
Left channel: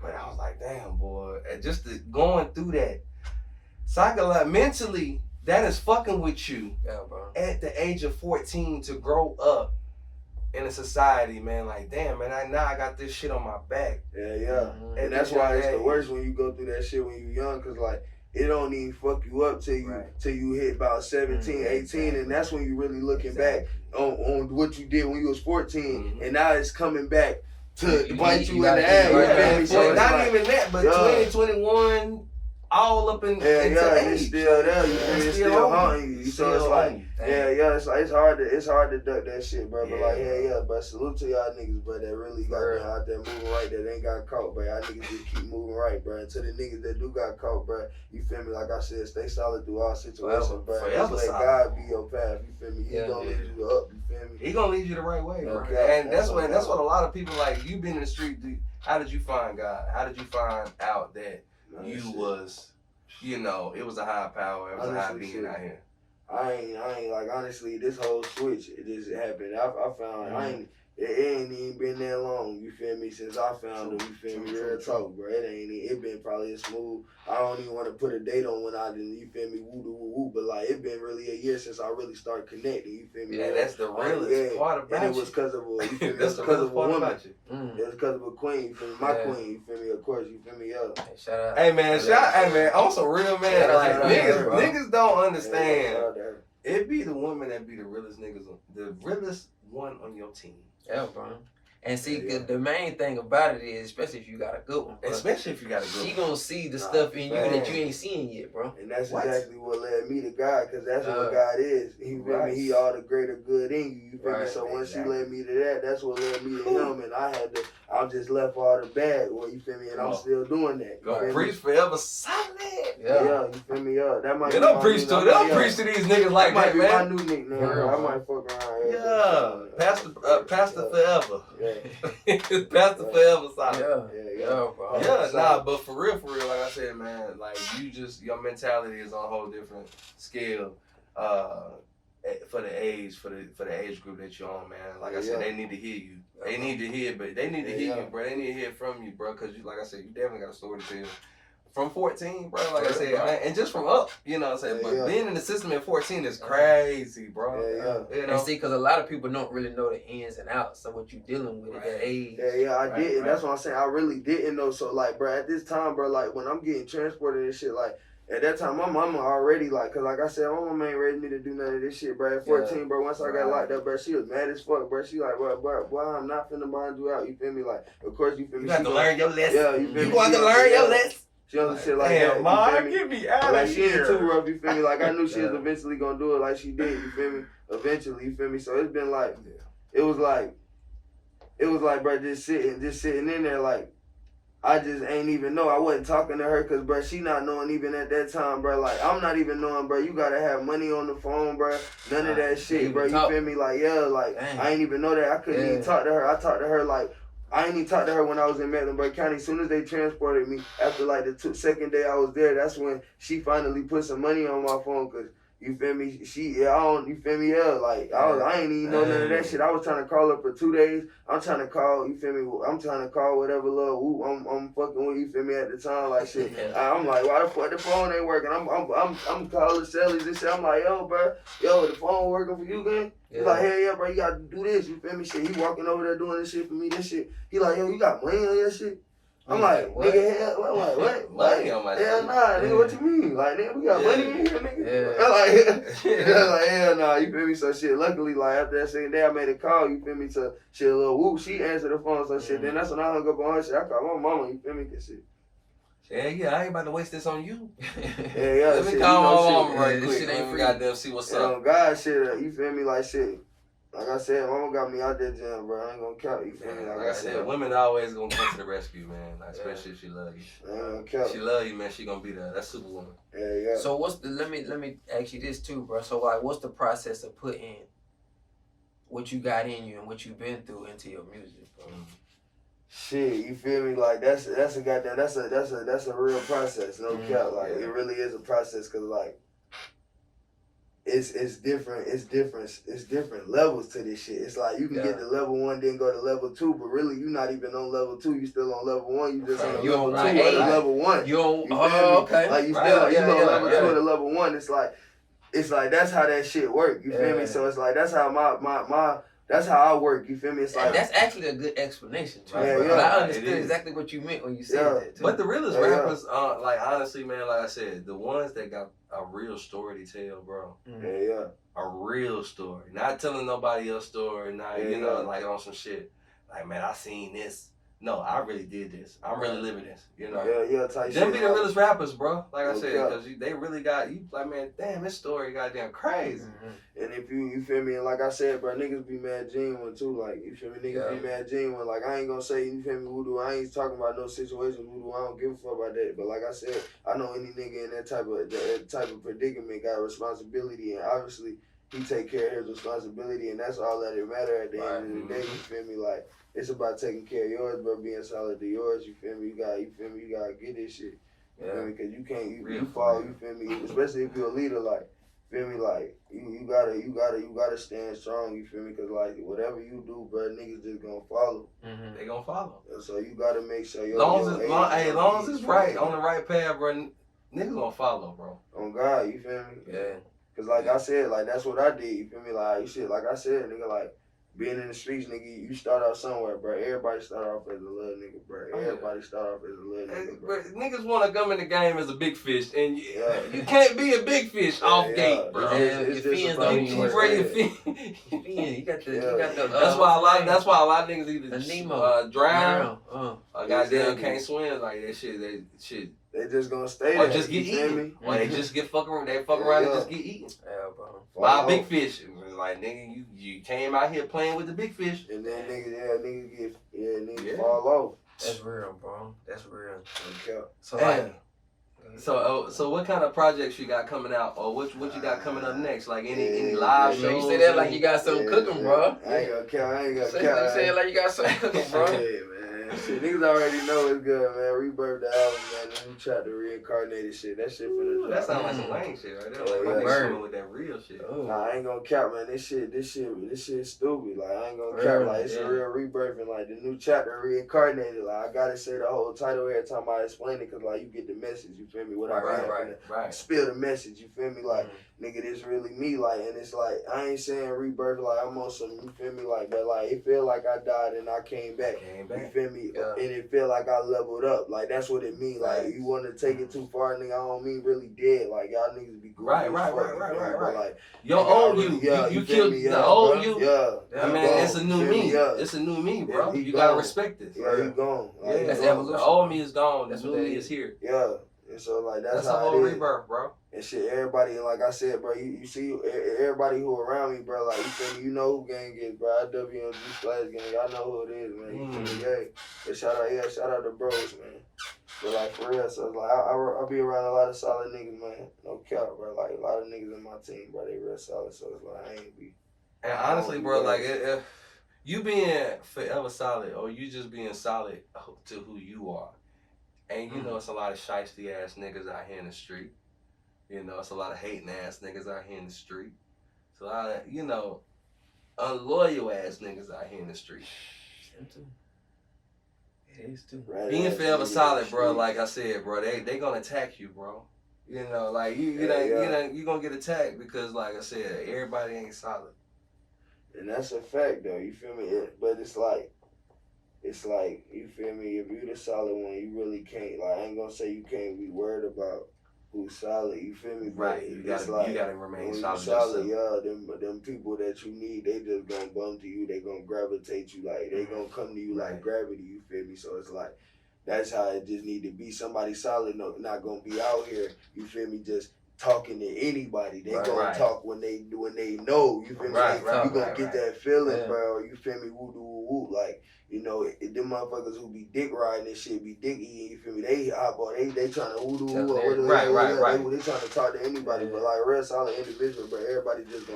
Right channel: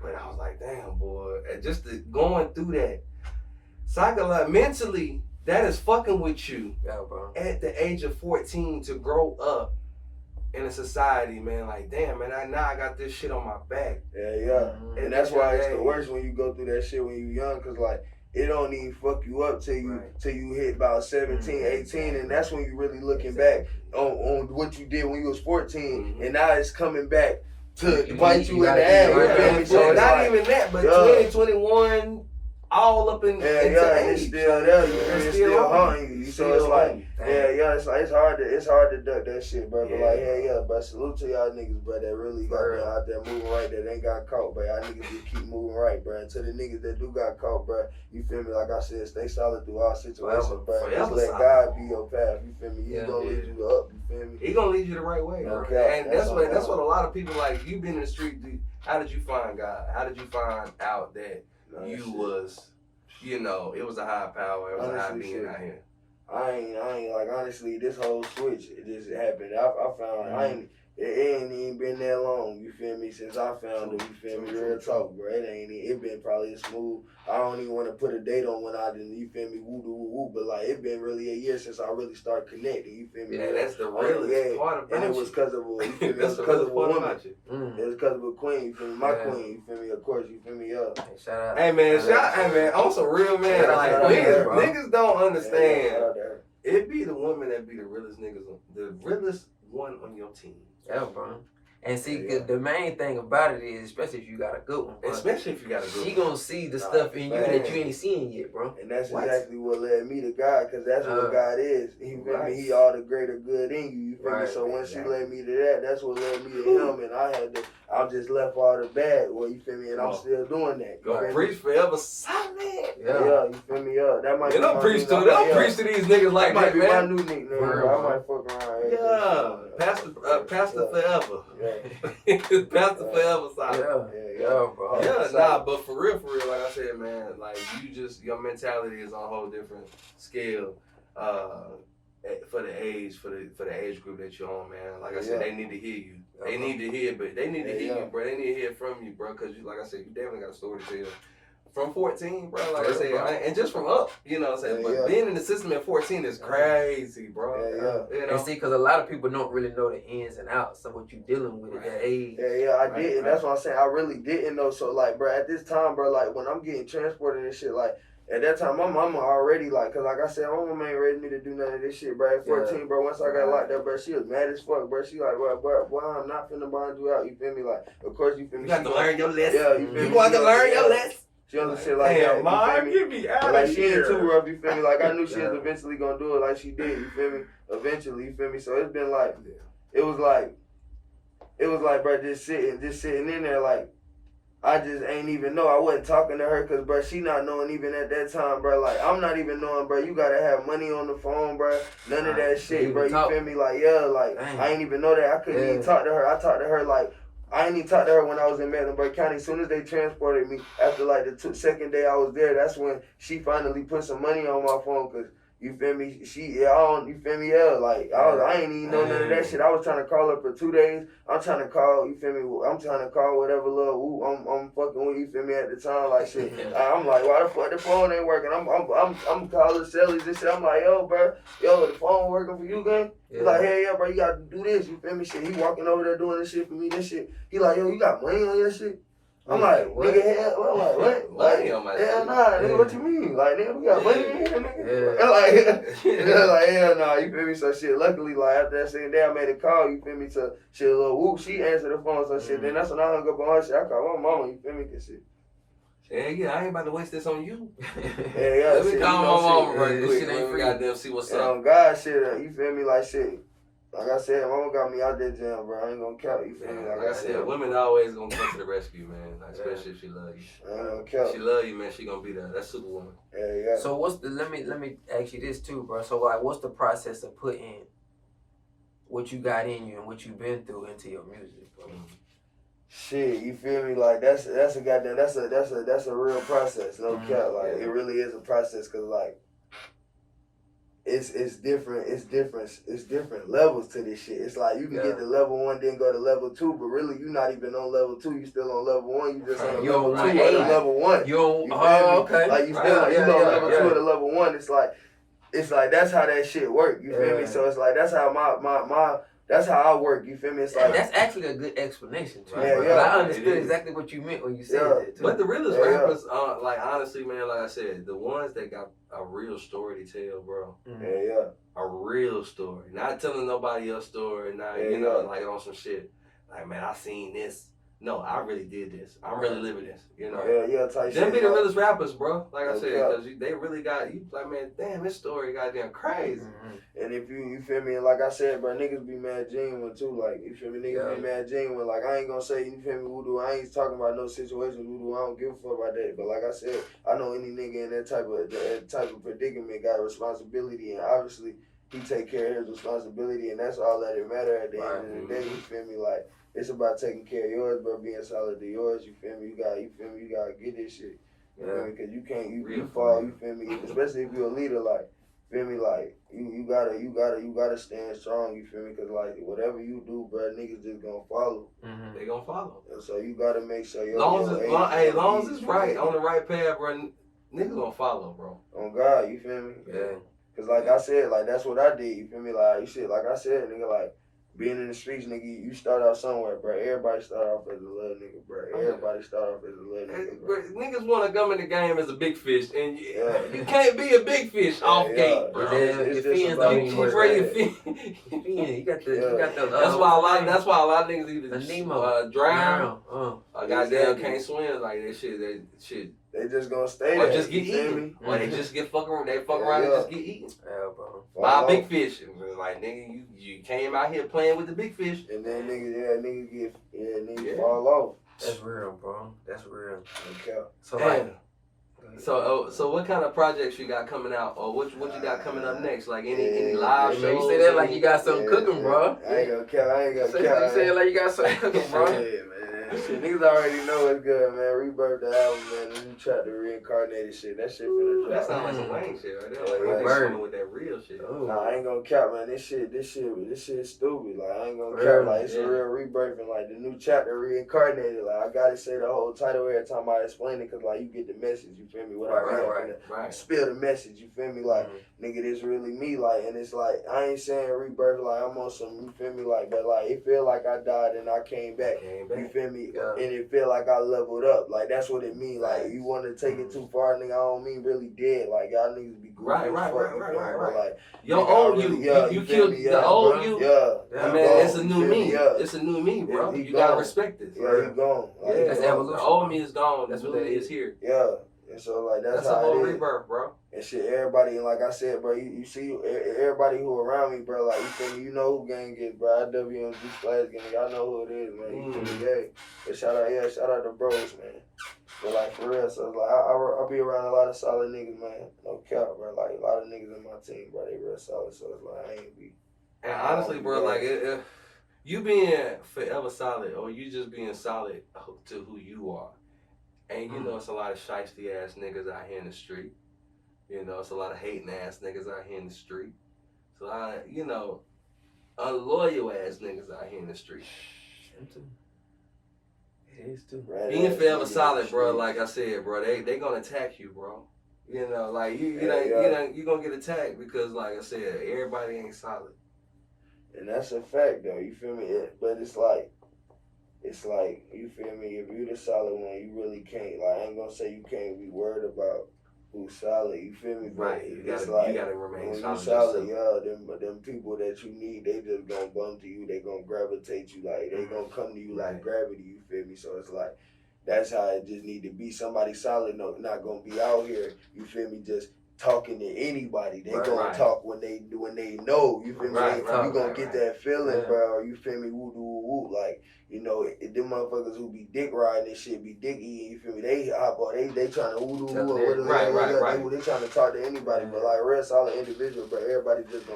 But I was like, damn, boy, and just going through that, psychologically, mentally, that is fucking with you at the age of 14 to grow up in a society, man. Like, damn, man, now I got this shit on my back. And that's why it's the worst when you go through that shit when you young, because like it don't even fuck you up till you hit about 17, 18, and that's when you really looking back on what you did when you was 14, and now it's coming back to bite you in the ass. So not even that, but 20, 21, all up in and it's still there. It's still haunting you. So it's like, it's hard to duck that shit, bro. But like, but salute to y'all niggas, bro, that really got out there moving right, that ain't got caught, bro. Y'all niggas just keep moving right, bro. And to the niggas that do got caught, bro, you feel me? Like I said, stay solid through all situations, bro. Just let God be your path, you feel me? He's gonna lead you up, you feel me? He gonna lead you the right way, bro. And that's what a lot of people like. You been in the street, dude. How did you find God? How did you find out that you was, you know, it was a high power, it was a high being out here? I ain't like, honestly, this whole switch, it just happened. I found it ain't even been that long, you feel me, since I found it, you feel me, real talk, bro. It been probably a smooth, I don't even want to put a date on when I didn't, you feel me, woo, but like, it been really a year since I really started connecting, you feel me? Yeah, that's the realest part about it. And it was because of a, you feel me, it was because of a woman. It was because of a queen, you feel me, my queen, you feel me, of course, you feel me, Hey, shout out. Hey, man, I'm some real man. Like, niggas don't understand. It be the woman that be the realest niggas, the realest one on your team. Yeah, bro. And see, the main thing about it is, especially if you got a good one, bro, especially if you got a good she one, gonna see the stuff in you that you ain't seeing yet, bro. And that's exactly what led me to God, because that's what God is. He feel me? He all the greater good in you. You feel me? So once she led me to that, that's what led me to him, and I just left all the bad. Well, you feel me? And I'm still doing that. Go preach forever solid. Yeah, you feel me? Yeah, that might. They don't preach to these niggas like that, man. My new nickname, bro. I might fuck around. Yeah, Pastor Forever. Yeah. Pastor Forever solid. Yeah, bro. Yeah, nah, but for real, like I said, man, like your mentality is on a whole different scale. For the age group that you're on, man. Like I said, they need to hear you. They need to hear, but they need to hear you, bro. They need to hear from you, bro. Cause like I said, you definitely got a story to tell. From 14, bro, like I said, man, and just from up, you know what I'm saying? But being in the system at 14 is crazy, bro. You know? And see, because a lot of people don't really know the ins and outs of what you're dealing with at that age. I didn't. That's what I'm saying. I really didn't know. So, like, bro, at this time, bro, like, when I'm getting transported and shit, like, at that time, my mama already, like, because, like I said, my mama ain't ready me to do none of this shit, bro. At 14, bro, once I got locked up, bro, she was mad as fuck, bro. She like, boy, I'm not finna bind you out, you feel me? Like, of course, you feel me? You got to learn your lesson. Yeah, you feel me? You got to learn your lesson. She on some shit like that. Ma, get me out of like, here. she ain't too rough, you feel me? Like, I knew she was eventually gonna do it like she did, you feel me? Eventually, you feel me? So it's been like, it was like, bro, just sitting in there, like, I just ain't even know. I wasn't talking to her because, bro, she not knowing even at that time, bro. Like, I'm not even knowing, bro. You got to have money on the phone, bro. None of that shit, bro. You feel me? Like, I ain't even know that. I couldn't even talk to her. I talked to her, like, I ain't even talked to her when I was in Mecklenburg County. As soon as they transported me, after, like, the second day I was there, that's when she finally put some money on my phone because, you feel me? You feel me? Like, I ain't even know none of that shit. I was trying to call her for 2 days. I'm trying to call, you feel me? I'm trying to call whatever little I'm fucking with, you feel me, at the time, like shit. I'm like, why the fuck the phone ain't working? I'm calling Sally's and shit. I'm like, yo, bro, the phone working for you, gang? He's like, hey, yeah, bro, you gotta do this, you feel me? Shit, he walking over there doing this shit for me, this shit. He like, yo, you got money on your shit? I'm like, what? Nigga, hell, what? Money on my shit? Hell nah, nigga, what you mean? Like, nigga, we got money in here, nigga. Like, hell nah, you feel me? So shit, luckily, like, after that second day, I made a call, you feel me, to shit, a little whoop. She answered the phone, so shit. Then that's when I hung up on her shit. I called my mama, you feel me, cause shit. Yeah, I ain't about to waste this on you. Let me call my mama right quick. Shit ain't free. Goddamn, see what's up. God, shit, you feel me, like shit. Like I said, mama got me out there jam, bro. I ain't gonna count, you feel me? Like I said, women always gonna come to the rescue, man. Like, especially if she love you. I ain't gonna count. She love you, man. She gonna be there. That's Superwoman. So let me ask you this too, bro. So like, what's the process of putting what you got in you and what you've been through into your music, bro? Shit, you feel me? Like that's a goddamn that's a real process, no cap. Like it really is a process, cause like it's different levels to this shit. It's like you can get to level 1, then go to level 2, but really you not even on level 2. You still on level 1. You just on the level 2 or the level 1. You okay? Like you still you on level 2 or the level 1. It's like that's how that shit work. You feel me? So it's like that's how my that's how I work, you feel me? It's like that's actually a good explanation, too. I understood exactly what you meant when you said that, too. But the realest rappers, like, honestly, man, like I said, the ones that got a real story to tell, bro. A real story. Not telling nobody else's story, not, you know, like on some shit. Like, man, I seen this. No, I really did this. I'm really living this, you know. Type Them shit. be the realest rappers, bro. Like I said, because they really got, you like, man, damn, this story goddamn crazy. And if you feel me, and like I said, bro, niggas be mad genuine too. Like, you feel me, niggas be mad genuine. Like, I ain't gonna say, you feel me, voodoo. I ain't talking about no situation voodoo. I don't give a fuck about that. But like I said, I know any nigga in that type of predicament got responsibility, and obviously he take care of his responsibility, and that's all that it matter at the end of the day. You feel me, like. It's about taking care of yours, bro, being solid to yours, you feel me? You gotta get this shit. You feel me? Cause you can't, you fall, you feel me? Especially if you're a leader, like, feel me? Like, you gotta stand strong, you feel me? Cause like, whatever you do, bro, niggas just gonna follow. They gonna follow. And so you gotta make sure long as it's right, on the right path, bro, niggas gonna follow, bro. On God, you feel me? Cause like I said, like, that's what I did, you feel me? Like, shit, like I said, nigga, like, being in the streets, nigga, you start off somewhere, bro. Everybody start off as a little nigga, bro. Everybody start off as a little nigga, bro. But niggas want to come in the game as a big fish, and you can't be a big fish off gate, bro. Your fins don't even work. Your fin. You got the. That's why a lot of niggas either Nemo drown or goddamn can't swim like that shit. They just gonna stay or there. just get eaten. Or they just get fuck around and just get eaten. Yeah, bro. By a big fish. Like, nigga, you came out here playing with the big fish. And then niggas fall off. That's real, bro. That's real. Okay. So like, so what kind of projects you got coming out, or what you got coming up next? Like any live shows? You say that like you got something cooking, bro. I ain't gonna count. You say it like you got something cooking, bro. Yeah, man. Shit, niggas already know it's good, man. Rebirth the album, man. And you tried to reincarnate shit. That shit finna drop. That sounds like some Wayne shit right there. Like, Yeah, Wayne with that real shit. Nah, I ain't gonna cap, man. This shit stupid. Like, I ain't gonna cap. Like, it's a real rebirth and like the new chapter reincarnated. Like, I gotta say the whole title every time I explain it, cause like you get the message. You feel me? What Right. Spill the message. You feel me? Like, nigga, this really me. Like, and it's like I ain't saying rebirth. Like, I'm on some. You feel me? Like, but like it feel like I died and I came back. You feel me? Yeah. And it feel like I leveled up. Like, that's what it mean. Like, you want to take it too far, nigga. I don't mean really dead. Like, y'all niggas be goofy. Right. Like, Your old you killed the old you. Yeah. I mean, it's a new me. It's a new me, bro. You gotta respect this. Yeah, he gone. Like, yeah, that's evolution. The old me is gone. That's what that is here. Yeah. And so, like, that's a how whole it is. rebirth, bro. And shit, everybody, like I said, bro, you see, everybody who around me, bro, like, you feel me, you know who gang is, bro. IWMG Splash Gang, I know who it is, man. You feel me, yeah. But shout out to bros, man. But, like, for real, so, like, I'll be around a lot of solid niggas, man. No cap, bro. Like, a lot of niggas in my team, bro, they real solid, so it's like, I ain't be. And honestly, bro, like, if you being forever solid, or you just being solid to who you are, and you know it's a lot of shiesty ass niggas out here in the street. You know, it's a lot of hating ass niggas out here in the street. It's a lot of, you know, unloyal ass niggas out here in the street. It is too. Being forever solid, bro, like I said, bro, they gonna attack you, bro. You know, like you gonna get attacked because, like I said, everybody ain't solid. And that's a fact, though. You feel me? But it's like, you feel me? If you the solid one, you really can't. Like, I ain't gonna say you can't be worried about who's solid. You feel me? But right. You gotta remain solid. Yeah. Them people that you need, they just gonna bum to you. They gonna gravitate you. Like, they gonna come to you like gravity. You feel me? So it's like, that's how it just need to be. Somebody solid, not gonna be out here. You feel me? Just talking to anybody. They gonna talk when they know. You feel me? You gonna get that feeling, bro. You feel me? Woo doo woo. Like, you know, them motherfuckers who be dick riding and shit, be dick eating. You feel me? They trying to woo doo woo or whatever. They trying to talk to anybody, but like real solid individual, but everybody just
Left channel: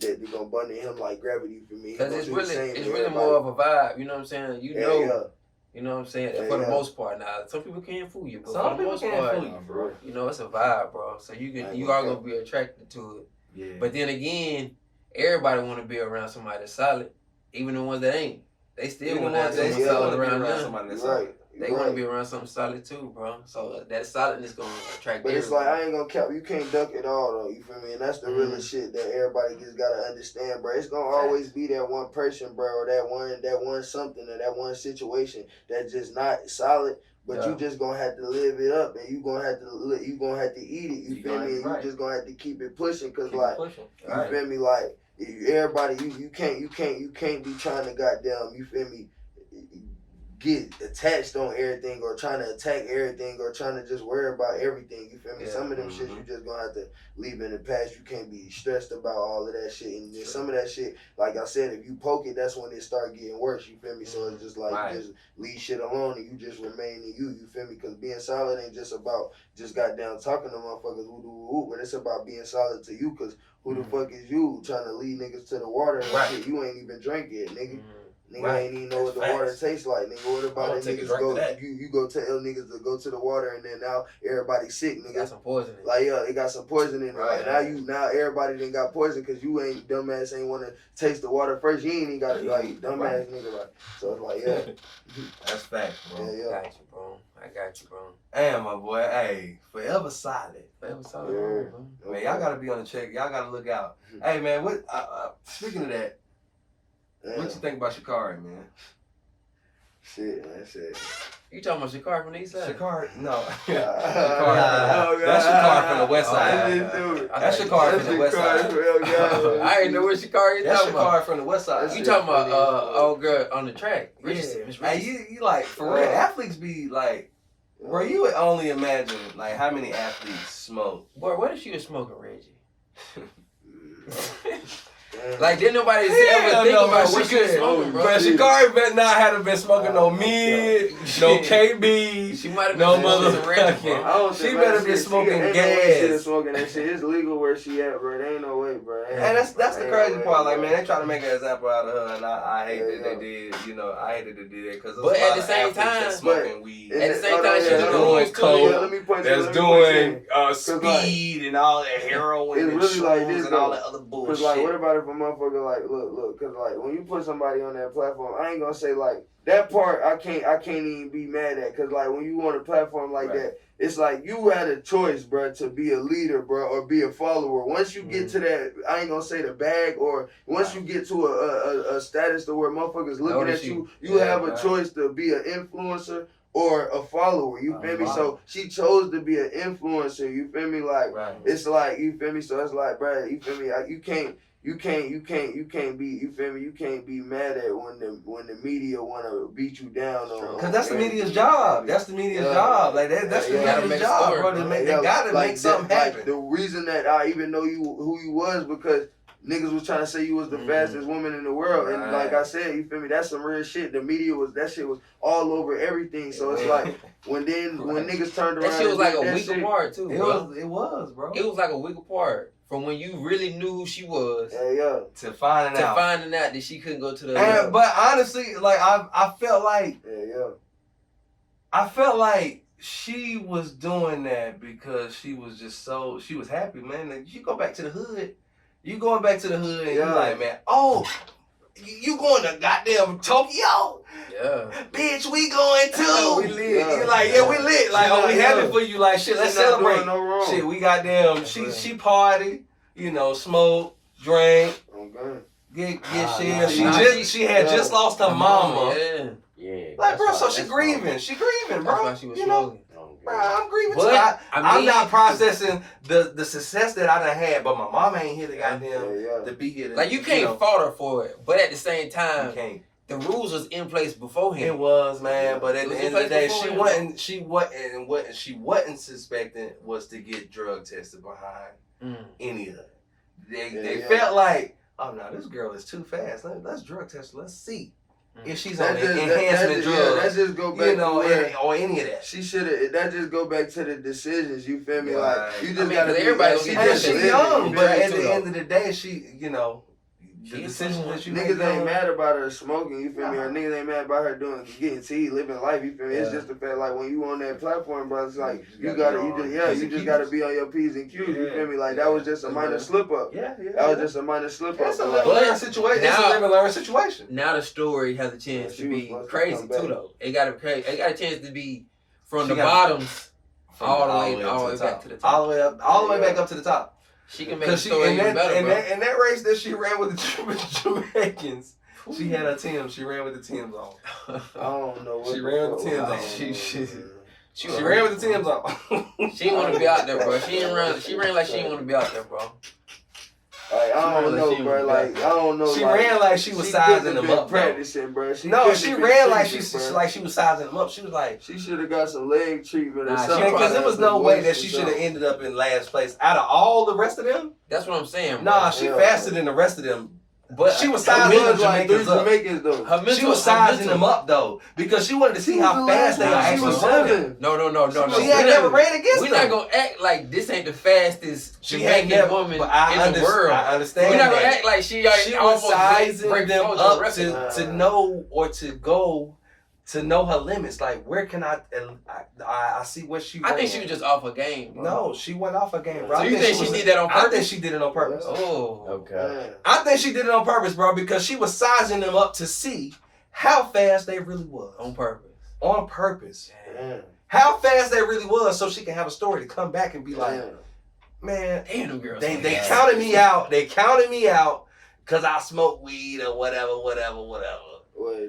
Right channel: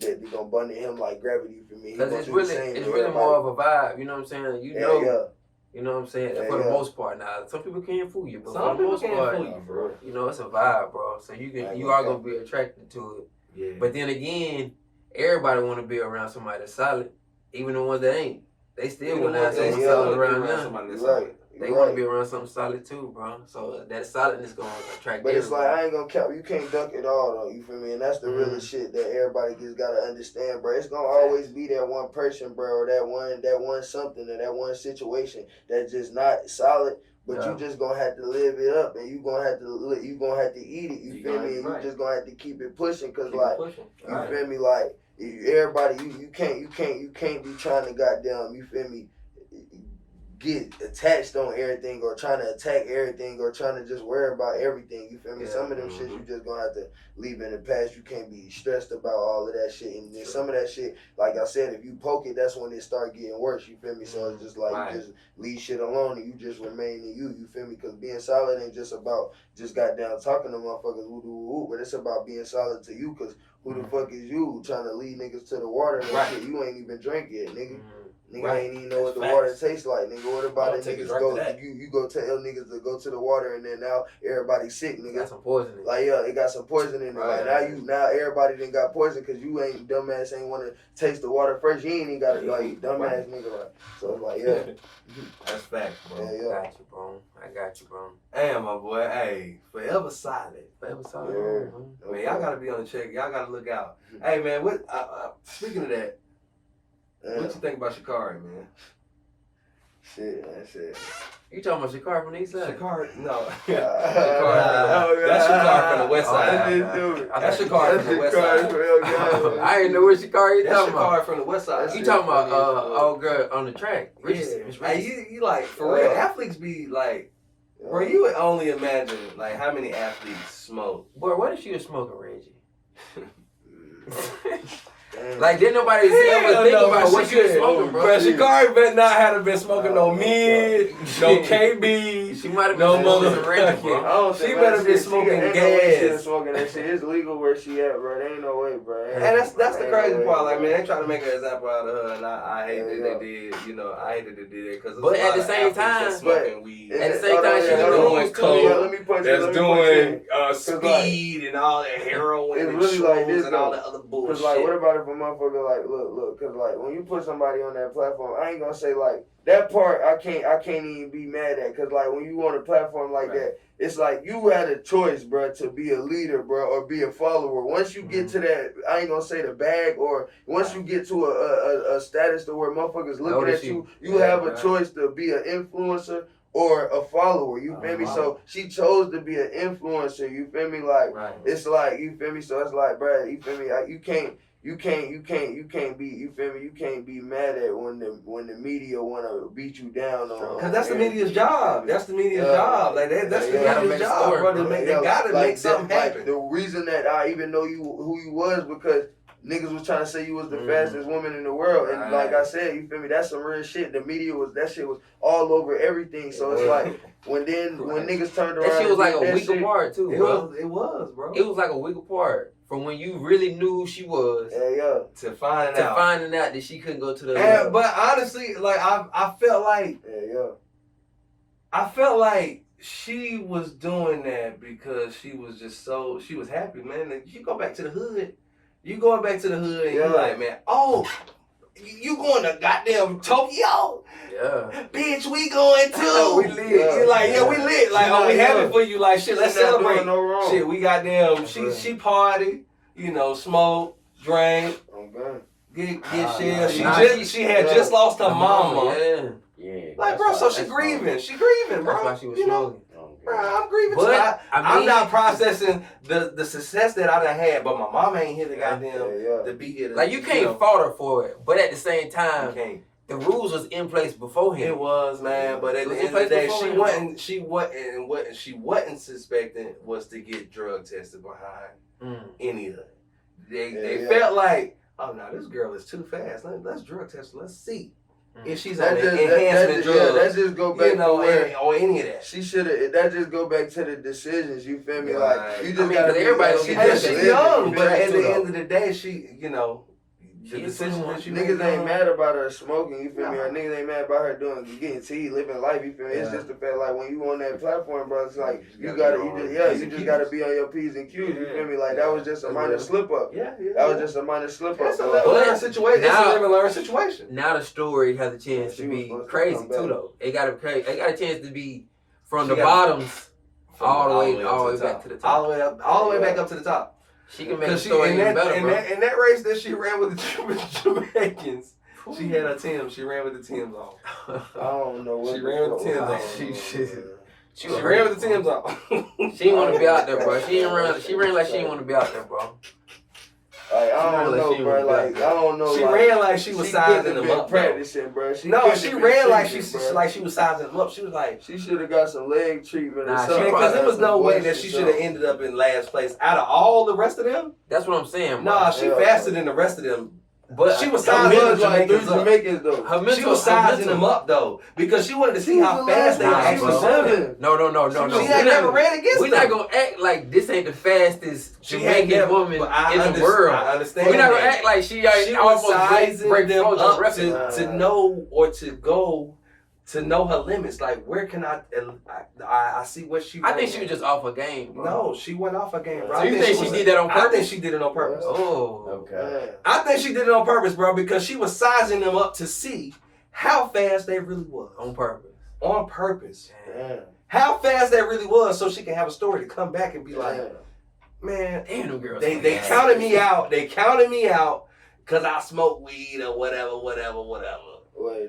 they gonna bun to him like gravity. You feel me? Because it's really more of a vibe. You know what I'm saying? You know. You know what I'm saying? For the most part, now some people can't fool you, but for the most part, you know, it's a vibe, bro. So you are gonna be attracted to it. Yeah. But then again, everybody want to be around somebody that's solid, even the ones that ain't. They still want to have something solid around them. They want to be around something solid too, bro. So that solidness gonna attract. But it's like, I ain't gonna cap. You can't duck it all though. You feel me? And that's the realest shit that everybody just gotta understand, bro. It's gonna always be that one person, bro, or that one something, or that one situation that's just not solid. But you just gonna have to live it up, and you gonna have to eat it. You feel me? And you just gonna have to keep it pushing, cause you feel me? Like, everybody, you can't be trying to goddamn, you feel me, get attached on everything or trying to attack everything or trying to just worry about everything. You feel me? Some of them shit you just gonna have to leave in the past. You can't be stressed about all of that shit. And then some of that shit, like I said, if you poke it, that's when it start getting worse. You feel me? So it's just like you just leave shit alone and you just remain in you. You feel me? Because being solid ain't just about just goddamn talking to motherfuckers, but it's about being solid to you. Because who the fuck is you trying to lead niggas to the water and shit? You ain't even drink yet, nigga. Nigga ain't even know what the water tastes like, nigga. What about it? Niggas go, you go tell niggas to go to the water, and then now everybody's sick, nigga. Got some poison in it. Like, it got some poison in it. Like, now everybody done got poison because you ain't, dumbass ain't want to taste the water first. You ain't even got it, like, dumbass nigga. Like, so it's like, That's facts, bro. I got you, bro. Damn, my boy. Hey, forever solid. Forever solid. Man, y'all gotta be on the check. Y'all gotta look out. Hey, man, what? Speaking of that. What you think about Sha'Carri, man? Shit, man, shit. You talking about Sha'Carri from the east side? Sha'Carri, no. That's Sha'Carri from the west side. That's Sha'Carri from the west side. I ain't know where Sha'Carri is That's talking about. Sha'Carri from the west side. You talking about old girl on the track? Yeah. Richardson, Miss Hey, Richardson. you like, for real, athletes be like, bro, you would only imagine, like, how many athletes smoke. Boy, what if she was smoking, Reggie? Like, didn't nobody ever think about what she was smoking, bro? But Sha'Carri better not have been smoking no mid, no KB. She might have No been mother- smoking random, bro. I don't She think, better man, be shit, smoking ain't no way she gas. was smoking that shit. It's legal where she at, bro. There ain't no way, bro. And that's the crazy part. Like, man, they try to make an example out of her, and I hate that they did. You know, I hated that they did that because. But at the same time, smoking weed. At the same time, she doing doing coke. Let me punch That's you. doing speed and all that heroin it's and really like this, and all though. that other Cause bullshit. like, what about if a motherfucker like, look, cause like when you put somebody on that platform, I ain't gonna say like that part. I can't even be mad at, cause like when you on a platform like that, it's like you had a choice, bro, to be a leader, bro, or be a follower. Once you get to that, I ain't gonna say the bag, or once you get to a status to where motherfuckers looking at you, you have a choice to be an influencer or a follower, you feel me? So she chose to be an influencer, you feel me? Like, it's like, you feel me? So it's like, bro, you feel me? You can't be, you feel me? You can't be mad at when the media wanna beat you down on. Cause that's the media's job. That's the media's job. Like that's the media's job, bro. They gotta make something happen. Like the reason that I even know who you was because niggas was trying to say you was the fastest woman in the world, and like I said, you feel me? That's some real shit. The media that shit was all over everything. So it's like when niggas turned around, that shit was like a week apart too, bro. It was, bro. It was like a week apart from when you really knew who she was. To finding out that she couldn't go to the. But honestly, like I felt like. I felt like she was doing that because she was happy, man. And you go back to the hood. You going back to the hood and you're like, man, you going to goddamn Tokyo? Yeah. Bitch, we going too. We lit. You're like, we lit. Like, we happy for you. Like, shit, let's celebrate. No wrong. Shit, we goddamn, she party, you know, smoke, drink, get shit. She had just lost her mama. Yeah. Like, bro, so she grieving. She grieving, bro. That's why she was you know? smoking. Bro, I'm grieving But, too. I'm mean, not processing the success that I done had, but my mama ain't here to goddamn to be here. Like, you can't fault her for it, but at the same time, you can't. The rules was in place beforehand. It was, man, but at the end of the day, she wasn't suspecting was to get drug tested behind any of it. They felt like, oh no, this girl is too fast. Let's drug test her. Let's see. If she's on enhancement drugs, that just go back to where, or any of that. She should have. That just go back to the decisions. You feel me? Like you just gotta. Everybody, she's young, but at the end of the day, she, you know, the decision that she niggas ain't mad about her smoking. You feel me? Or niggas ain't mad about her getting tea, living life. You feel me? It's just the fact like when you on that platform, bro. It's like you just gotta be on your P's and Q's. You feel me? Like that was just a minor slip up. That was just a minor slip up. It's a learn situation. It's a live and learn situation. Now the story has a chance to be crazy too, though. It got a chance to be from the bottoms all the way back to the top. All the way back up to the top. She can make the story even better, bro. In that race that she ran with the Jamaicans, she had her Timbs. She ran with the Timbs on. I don't know what she ran with the Timbs on. She ran with the Timbs on. She didn't want to be out there, bro. She ran like she didn't want to be out there, bro. Like, I don't know, bro. Like, I don't know. She ran like she was sizing them up. Practicing, bro. She ran like she was sizing them up. She was like, she should have got some leg treatment or something. Because there was no way that she should have ended up in last place out of all the rest of them. That's what I'm saying, bro. Nah, she faster than the rest of them. But she was sizing them Jamaicans though. She was sizing them up though because she wanted to see how fast they actually running. No. She had never ran against them. We're not gonna act like this ain't the fastest Jamaican woman in the world. I understand. We're not gonna act like she was sizing them up to know or to know her limits. Like, where can I see what she. I think she was just off her game, bro. No, she went off her game, bro. So you think she did that on purpose? I think she did it on purpose. Oh, okay. I think she did it on purpose, bro, because she was sizing them up to see how fast they really was. On purpose. On purpose. Damn. How fast they really was, so she can have a story to come back and be like, man, damn, them girls. They counted me out. They counted me out. because I smoke weed or whatever. Well,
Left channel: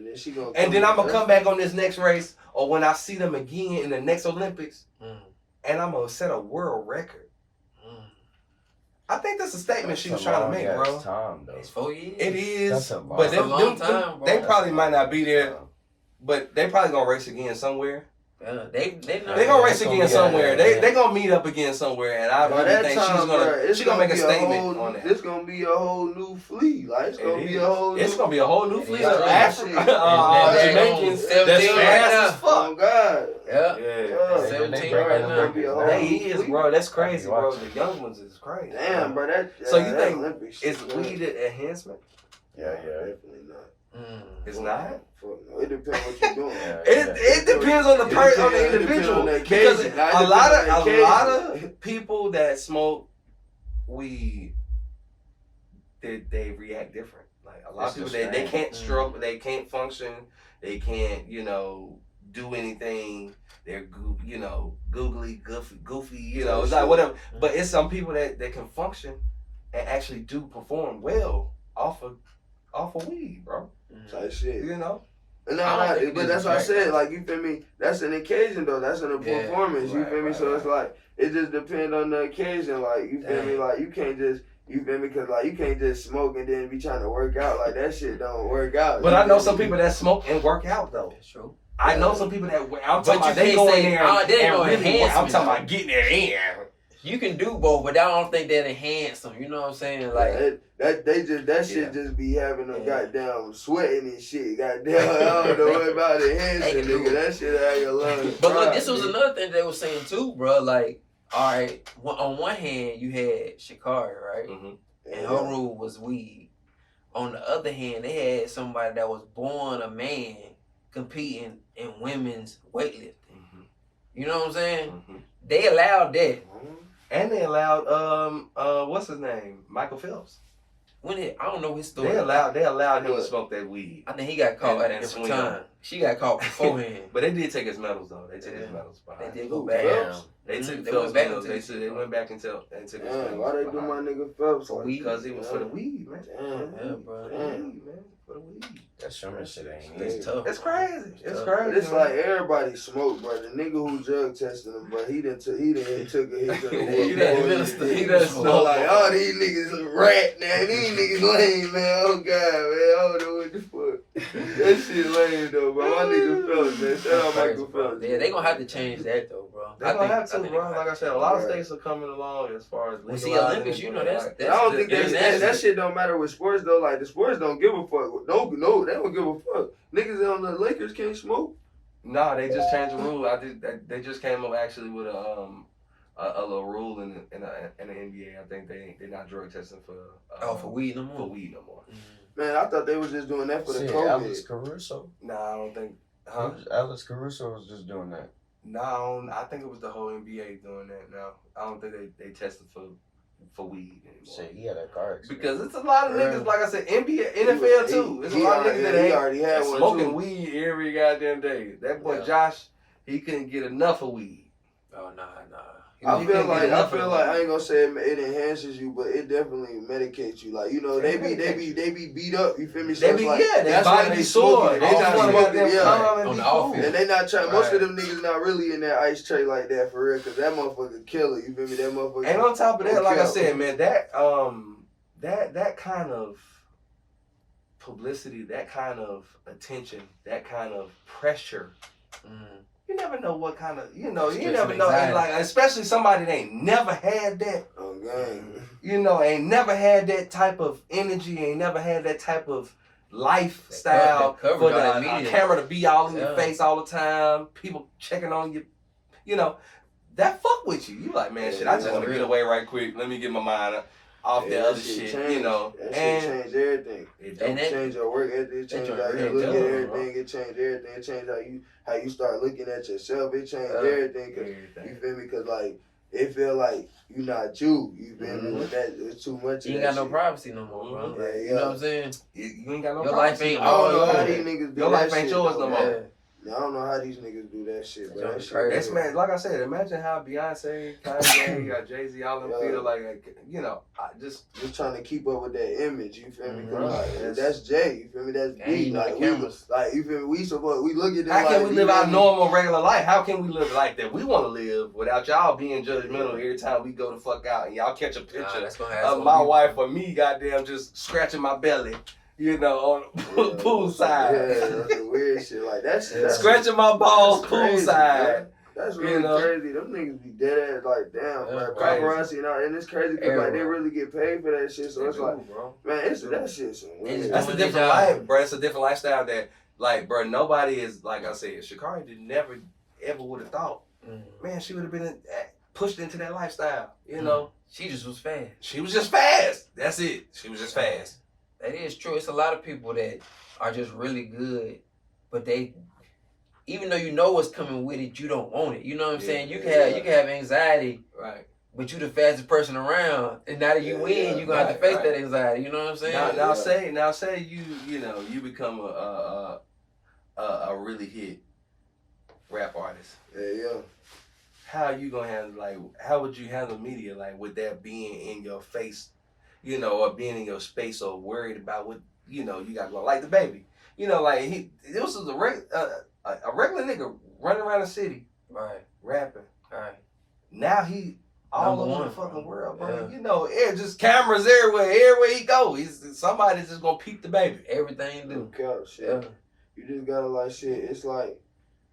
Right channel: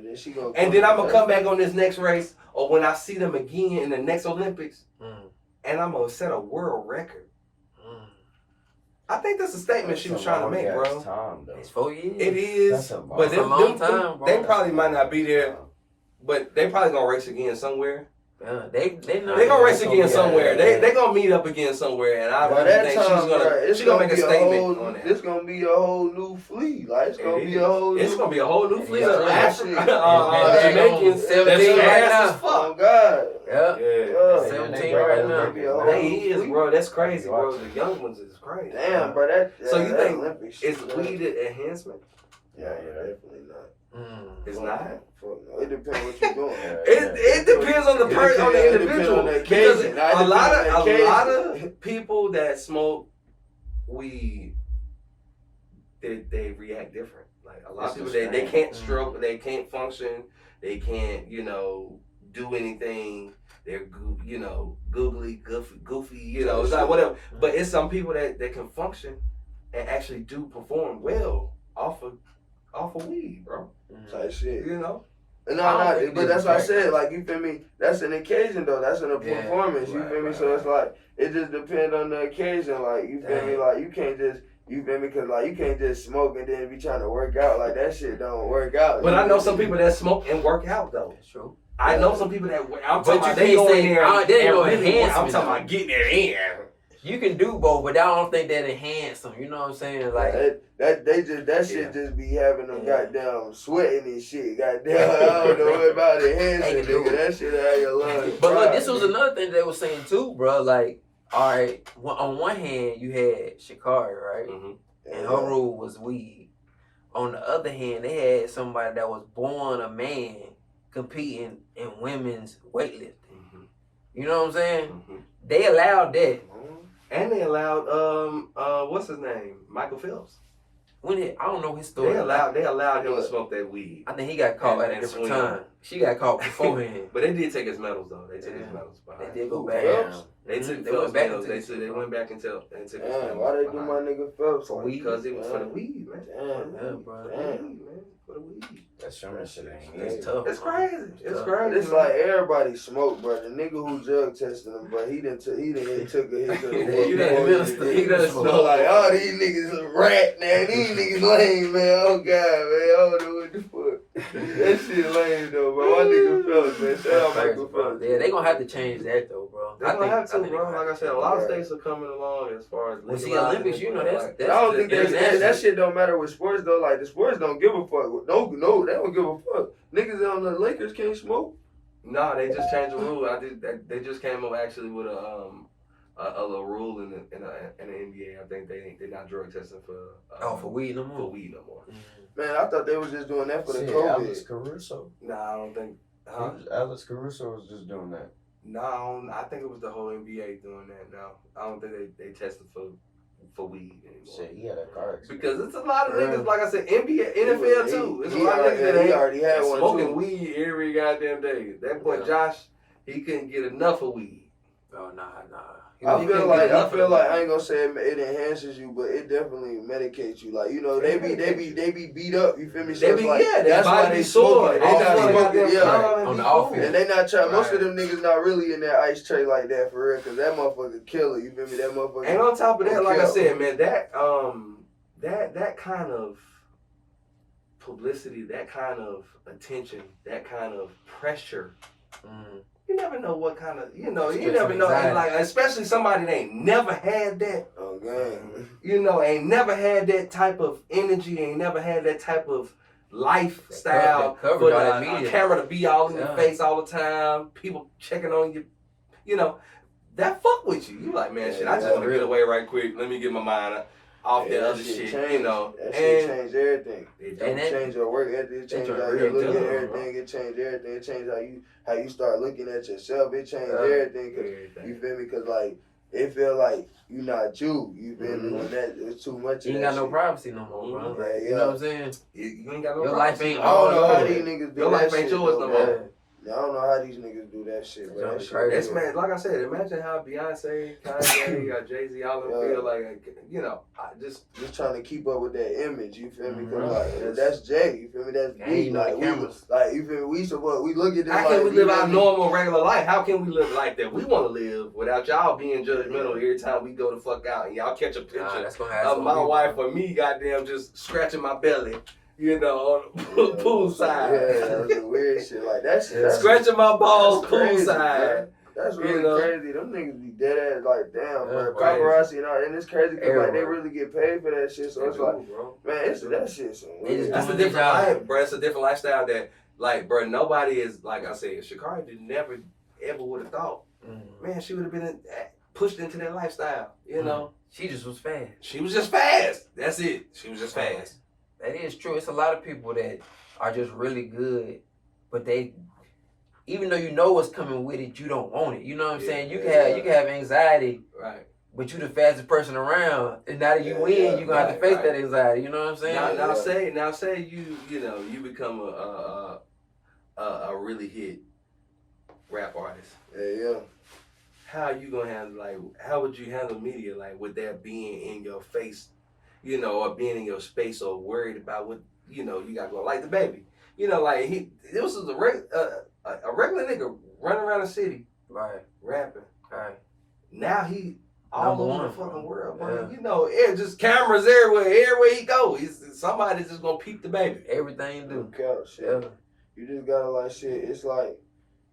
then she gonna And then I'm going to come back on this next race or when I see them again in the next Olympics and I'm going to set a world record. I think that's a statement she was trying to make, bro. Time, though. It's 4 years. It is. But That's a long time, bro. They probably might not be there, but they probably going to race again somewhere. They gonna race again somewhere. They gonna meet up again somewhere, and I really think she's gonna make a statement on that. It's gonna be a whole new fleet. Like it's gonna be a whole new fleet of Jamaicans. That's right now. Oh God. Yeah. 17 right now. They is, bro. That's crazy, bro. The young ones is crazy. Damn, bro. So you think it's weed enhancement? Yeah, definitely not. It's not. Fuck no. It depends what you're doing. It depends on the person, on the individual. Because a lot of people that smoke weed, they react different. Like a lot of people, they can't stroke, they can't function, they can't do anything. They're googly, goofy. It's like whatever. But it's some people that can function and actually do perform well off of weed, bro. Type shit. No, but that's what I said. Like, you feel me? That's an occasion, though. That's in a performance. You feel me? So it's like, it just depends on the occasion. Like, you feel me? Like, you can't just, you feel me? Because, like, you can't just smoke and then be trying to work out. Like, that shit don't work out. But I know some people that smoke and work out, though. That's true. I know some people that, I'm talking about, they go in there I'm talking about getting their in. You can do both, but I don't think that enhance them. You know what I'm saying? Like that shit just be having them goddamn sweating and shit. Goddamn, I don't know about enhancing, nigga. That shit out of your lungs. But look, this was another thing they were saying too, bro. Like, all right, on one hand you had Shikari, right, and her rule was weed. On the other hand, they had somebody that was born a man competing in women's weightlifting. You know what I'm saying? They allowed that. And they allowed what's his name? Michael Phelps. I don't know his story. They allowed him to smoke that weed. I think he got caught at a different time. She got caught beforehand. But they did take his medals though. They took his medals behind. They did go back. They took Phelps medals. They went back and took his medals. Why they do my nigga Phelps? For weed? Because it was for the weed, man. Damn, bro. Man. For the weed. That's shit ain't It's tough. It's crazy. It's crazy. It's like everybody smoke, bro. The nigga who drug tested him, bro, he done took a hit to the He done so like, all these niggas a rat now. These niggas lame, man. Oh God, man. I don't know what the fuck. That shit lame though, bro. My nigga Phelps, man. Shout out Michael Phelps. Yeah, they gonna have to change that though, bro. They're gonna have to, bro. Like I said, a lot of states are coming along as far as see Olympics. You know that's I don't think that shit don't matter with sports though. Like the sports don't give a fuck. No, they don't give a fuck. Niggas on the Lakers can't smoke. No, they just changed the rule. They just came up actually with a little rule in the NBA. I think they're not drug testing for weed no more. For weed no more. Man, I thought they was just doing that for the COVID. Alex Caruso. Nah, I don't think. Alex Caruso was just doing that. No, I think it was the whole NBA doing that. No, I don't think they tested for weed anymore. Shit, he had a car accident. Because it's a lot of niggas, like I said, NBA, NFL too. It's a lot of niggas that already had one smoking weed every goddamn day. That boy Josh, he couldn't get enough of weed. Oh nah. I feel like I ain't gonna say it enhances you, but it definitely medicates you. Like they be beat up. You feel me? So that's why they sore. They not smoking. On the offense. And they not trying. Most of them niggas not really in that ice tray like that for real, cause that motherfucker killer. You feel me? That motherfucker. And on top of that, like I said, man, that kind of publicity, that kind of attention, that kind of pressure. You never know what kind of, you never know, like, especially somebody that ain't never had that. Okay. Ain't never had that type of energy, ain't never had that type of lifestyle for the camera to be all in your face all the time, people checking on you, that fuck with you. You like, man, shit, I just want to get away right quick. Let me get my mind off the other shit, That shit change everything. It change your work ethic. It change how you look at everything. It change everything. It change how you start looking at yourself. It change everything. Cause you feel me? Cause like it feel like you not you. You feel me? When that it's too much. You ain't got no privacy no more, bro. You know what I'm saying? You ain't got no your privacy. Life ain't I don't know how these niggas do your that life ain't shit, yours no more. I don't know how these niggas do that shit, but that shit. It's, man, like I said, imagine how Beyonce, Kanye, Jay-Z, all them feel like, you know, just trying to keep up with that image. You feel me? Cause like that's Jay. You feel me? That's B. Like you feel me? We look at this. How can we live our normal, regular life? How can we live like that? We want to live without y'all being judgmental every time we go the fuck out and y'all catch a picture of my wife or me, goddamn, just scratching my belly. You know, on the pool side. Yeah, that's the weird shit. Like that shit. That's scratching my balls pool side. Man. That's really crazy. Them niggas be dead ass like, damn, bro. Paparazzi and all, and it's crazy because like they really get paid for that shit. So it's like, man, it's that shit. That's a different life, bro. It's a different lifestyle that, like, bro, nobody is, like I said, Sha'Carri did never ever would have thought, man, she would have been pushed into that lifestyle. You know, she just was fast. She was just fast. That's it. She was just fast. That is true. It's a lot of people that are just really good, but they, even though you know what's coming with it, you don't want it. You know what I'm saying? You can have anxiety, right? But you the fastest person around, and now that you win, you gonna have to face that anxiety. You know what I'm saying? Now say you know you become a really hit rap artist. Yeah. How you gonna handle how would you handle media with that being in your face? You know, or being in your space, or worried about what you got going. Like the baby, it was a regular nigga running around the city, right, rapping, right. Now he all over the fucking world, bro. You know, just cameras everywhere he go. Somebody's just gonna peep the baby. Everything you do, shit. You just gotta shit. It's like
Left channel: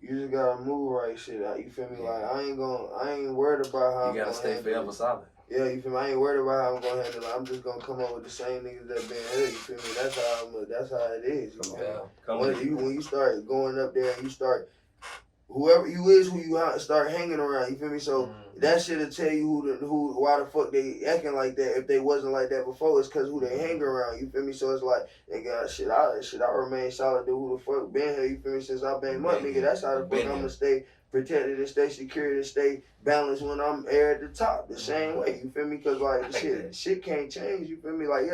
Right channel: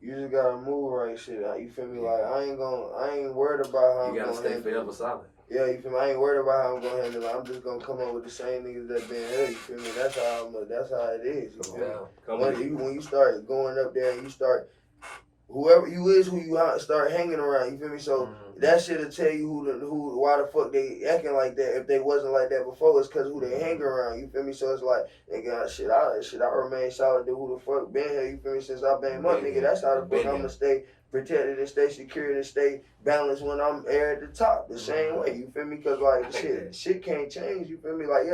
you just gotta move right, shit. You feel me? Like I ain't worried about how you gotta stay forever solid. Yeah, you feel me? I ain't worried about how I'm gonna handle it. I'm just gonna come up with the same niggas that been here. You feel me? That's how it is. You feel me? When you start going up there and you start, whoever you is, who you start hanging around. You feel me? So that shit'll tell you why the fuck they acting like that. If they wasn't like that before, it's cause who they hang around. You feel me? So it's like they got shit. I remain solid to who the fuck been here. You feel me? Since I been up, nigga. That's how the fuck I'm gonna stay protected and stay secure and stay balanced when I'm at the top the same way, you feel me? Cause shit can't change, you feel me? Like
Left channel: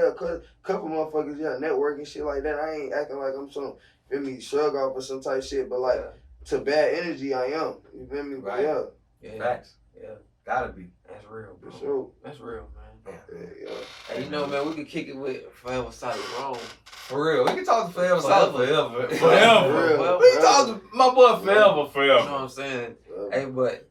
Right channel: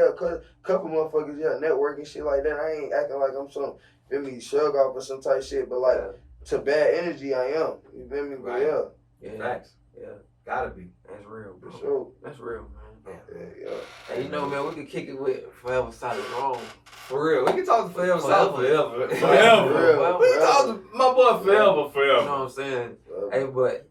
couple motherfuckers, networking shit like that. I ain't acting like I'm some, feel me, shrug off or some type shit, but to bad energy I am, you feel me? But facts. Yeah, gotta be. That's real, bro. Sure. That's real, man. Yeah. Hey, man, we could kick it with Forever Solid Wrong. For real, we can talk to Forever Solid forever. We can talk to my boy forever. You know what I'm saying? Hey, but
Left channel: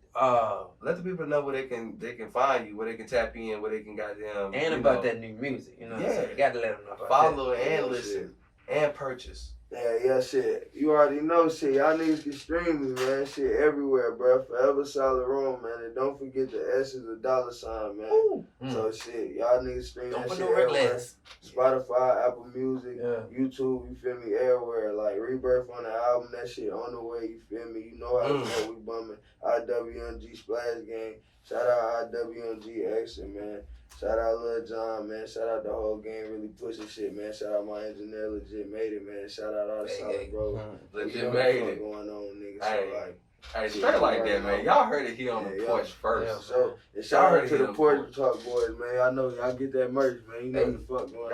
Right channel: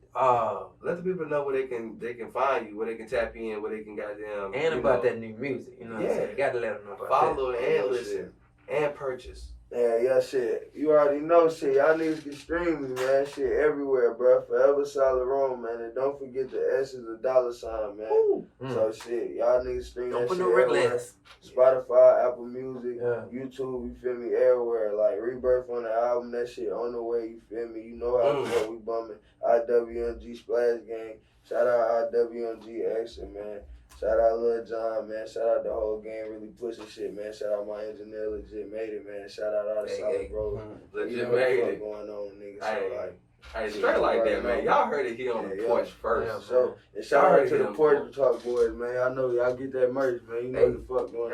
let the people know where they can find you, where they can tap in, where they can goddamn and about that new music. You know what I'm saying? You gotta let them know about follow and listen and purchase. Yeah, shit. You already know, shit. Y'all niggas can stream me, man. Shit everywhere, bro. Forever Solid Room, man. And don't forget the S is a $, man. So, shit. Y'all niggas stream that shit everywhere. Spotify, Apple Music, YouTube, you feel me? Everywhere. Like, Rebirth on the album, that shit on the way, you feel me? You know how the fuck we bumming. IWMG Splash Gang. Shout out IWMG Action, man. Shout out Lil John, man. Shout out the whole game, really pushing shit, man. Shout out my engineer, Legit Made It, man. Shout out all the solid bros. Legit Made It. Going on, nigga. Hey, straight like that, man. Y'all heard it here on the Porch first. So, shout out to the Porch Talk boys, man. I know y'all get that merch, man. You know what the fuck going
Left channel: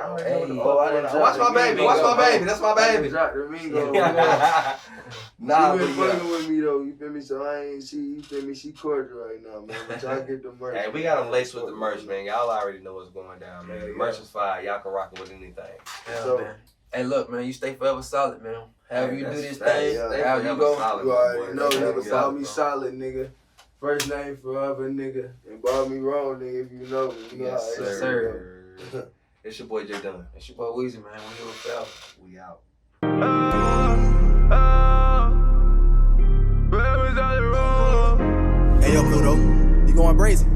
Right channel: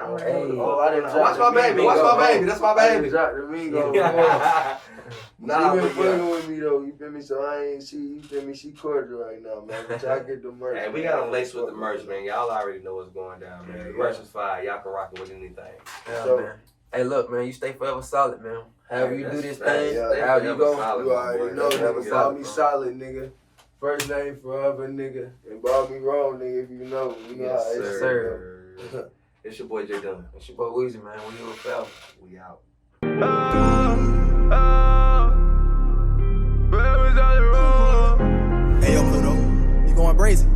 on. Watch my baby. Watch my baby. That's my baby. Drop the Mingo. Nah, she been fucking with me though, you feel me? So you feel me? She cordial right now, man. But y'all get the merch. Hey, we got them laced with the merch, man. Y'all already know what's going down, man. The merch is fire. Y'all can rock it with anything. Yeah, so, man. Hey, look, man. You stay forever solid, man. However you do this thing, however you go. You already know, nigga. Call me solid, nigga. First name forever, nigga. And call me wrong, nigga, if you know. You know how it's sir. It's your boy J Dunn. It's your boy Weezy, man. We here with Forever. We out. Hey, yo, Pluto, you going brazen?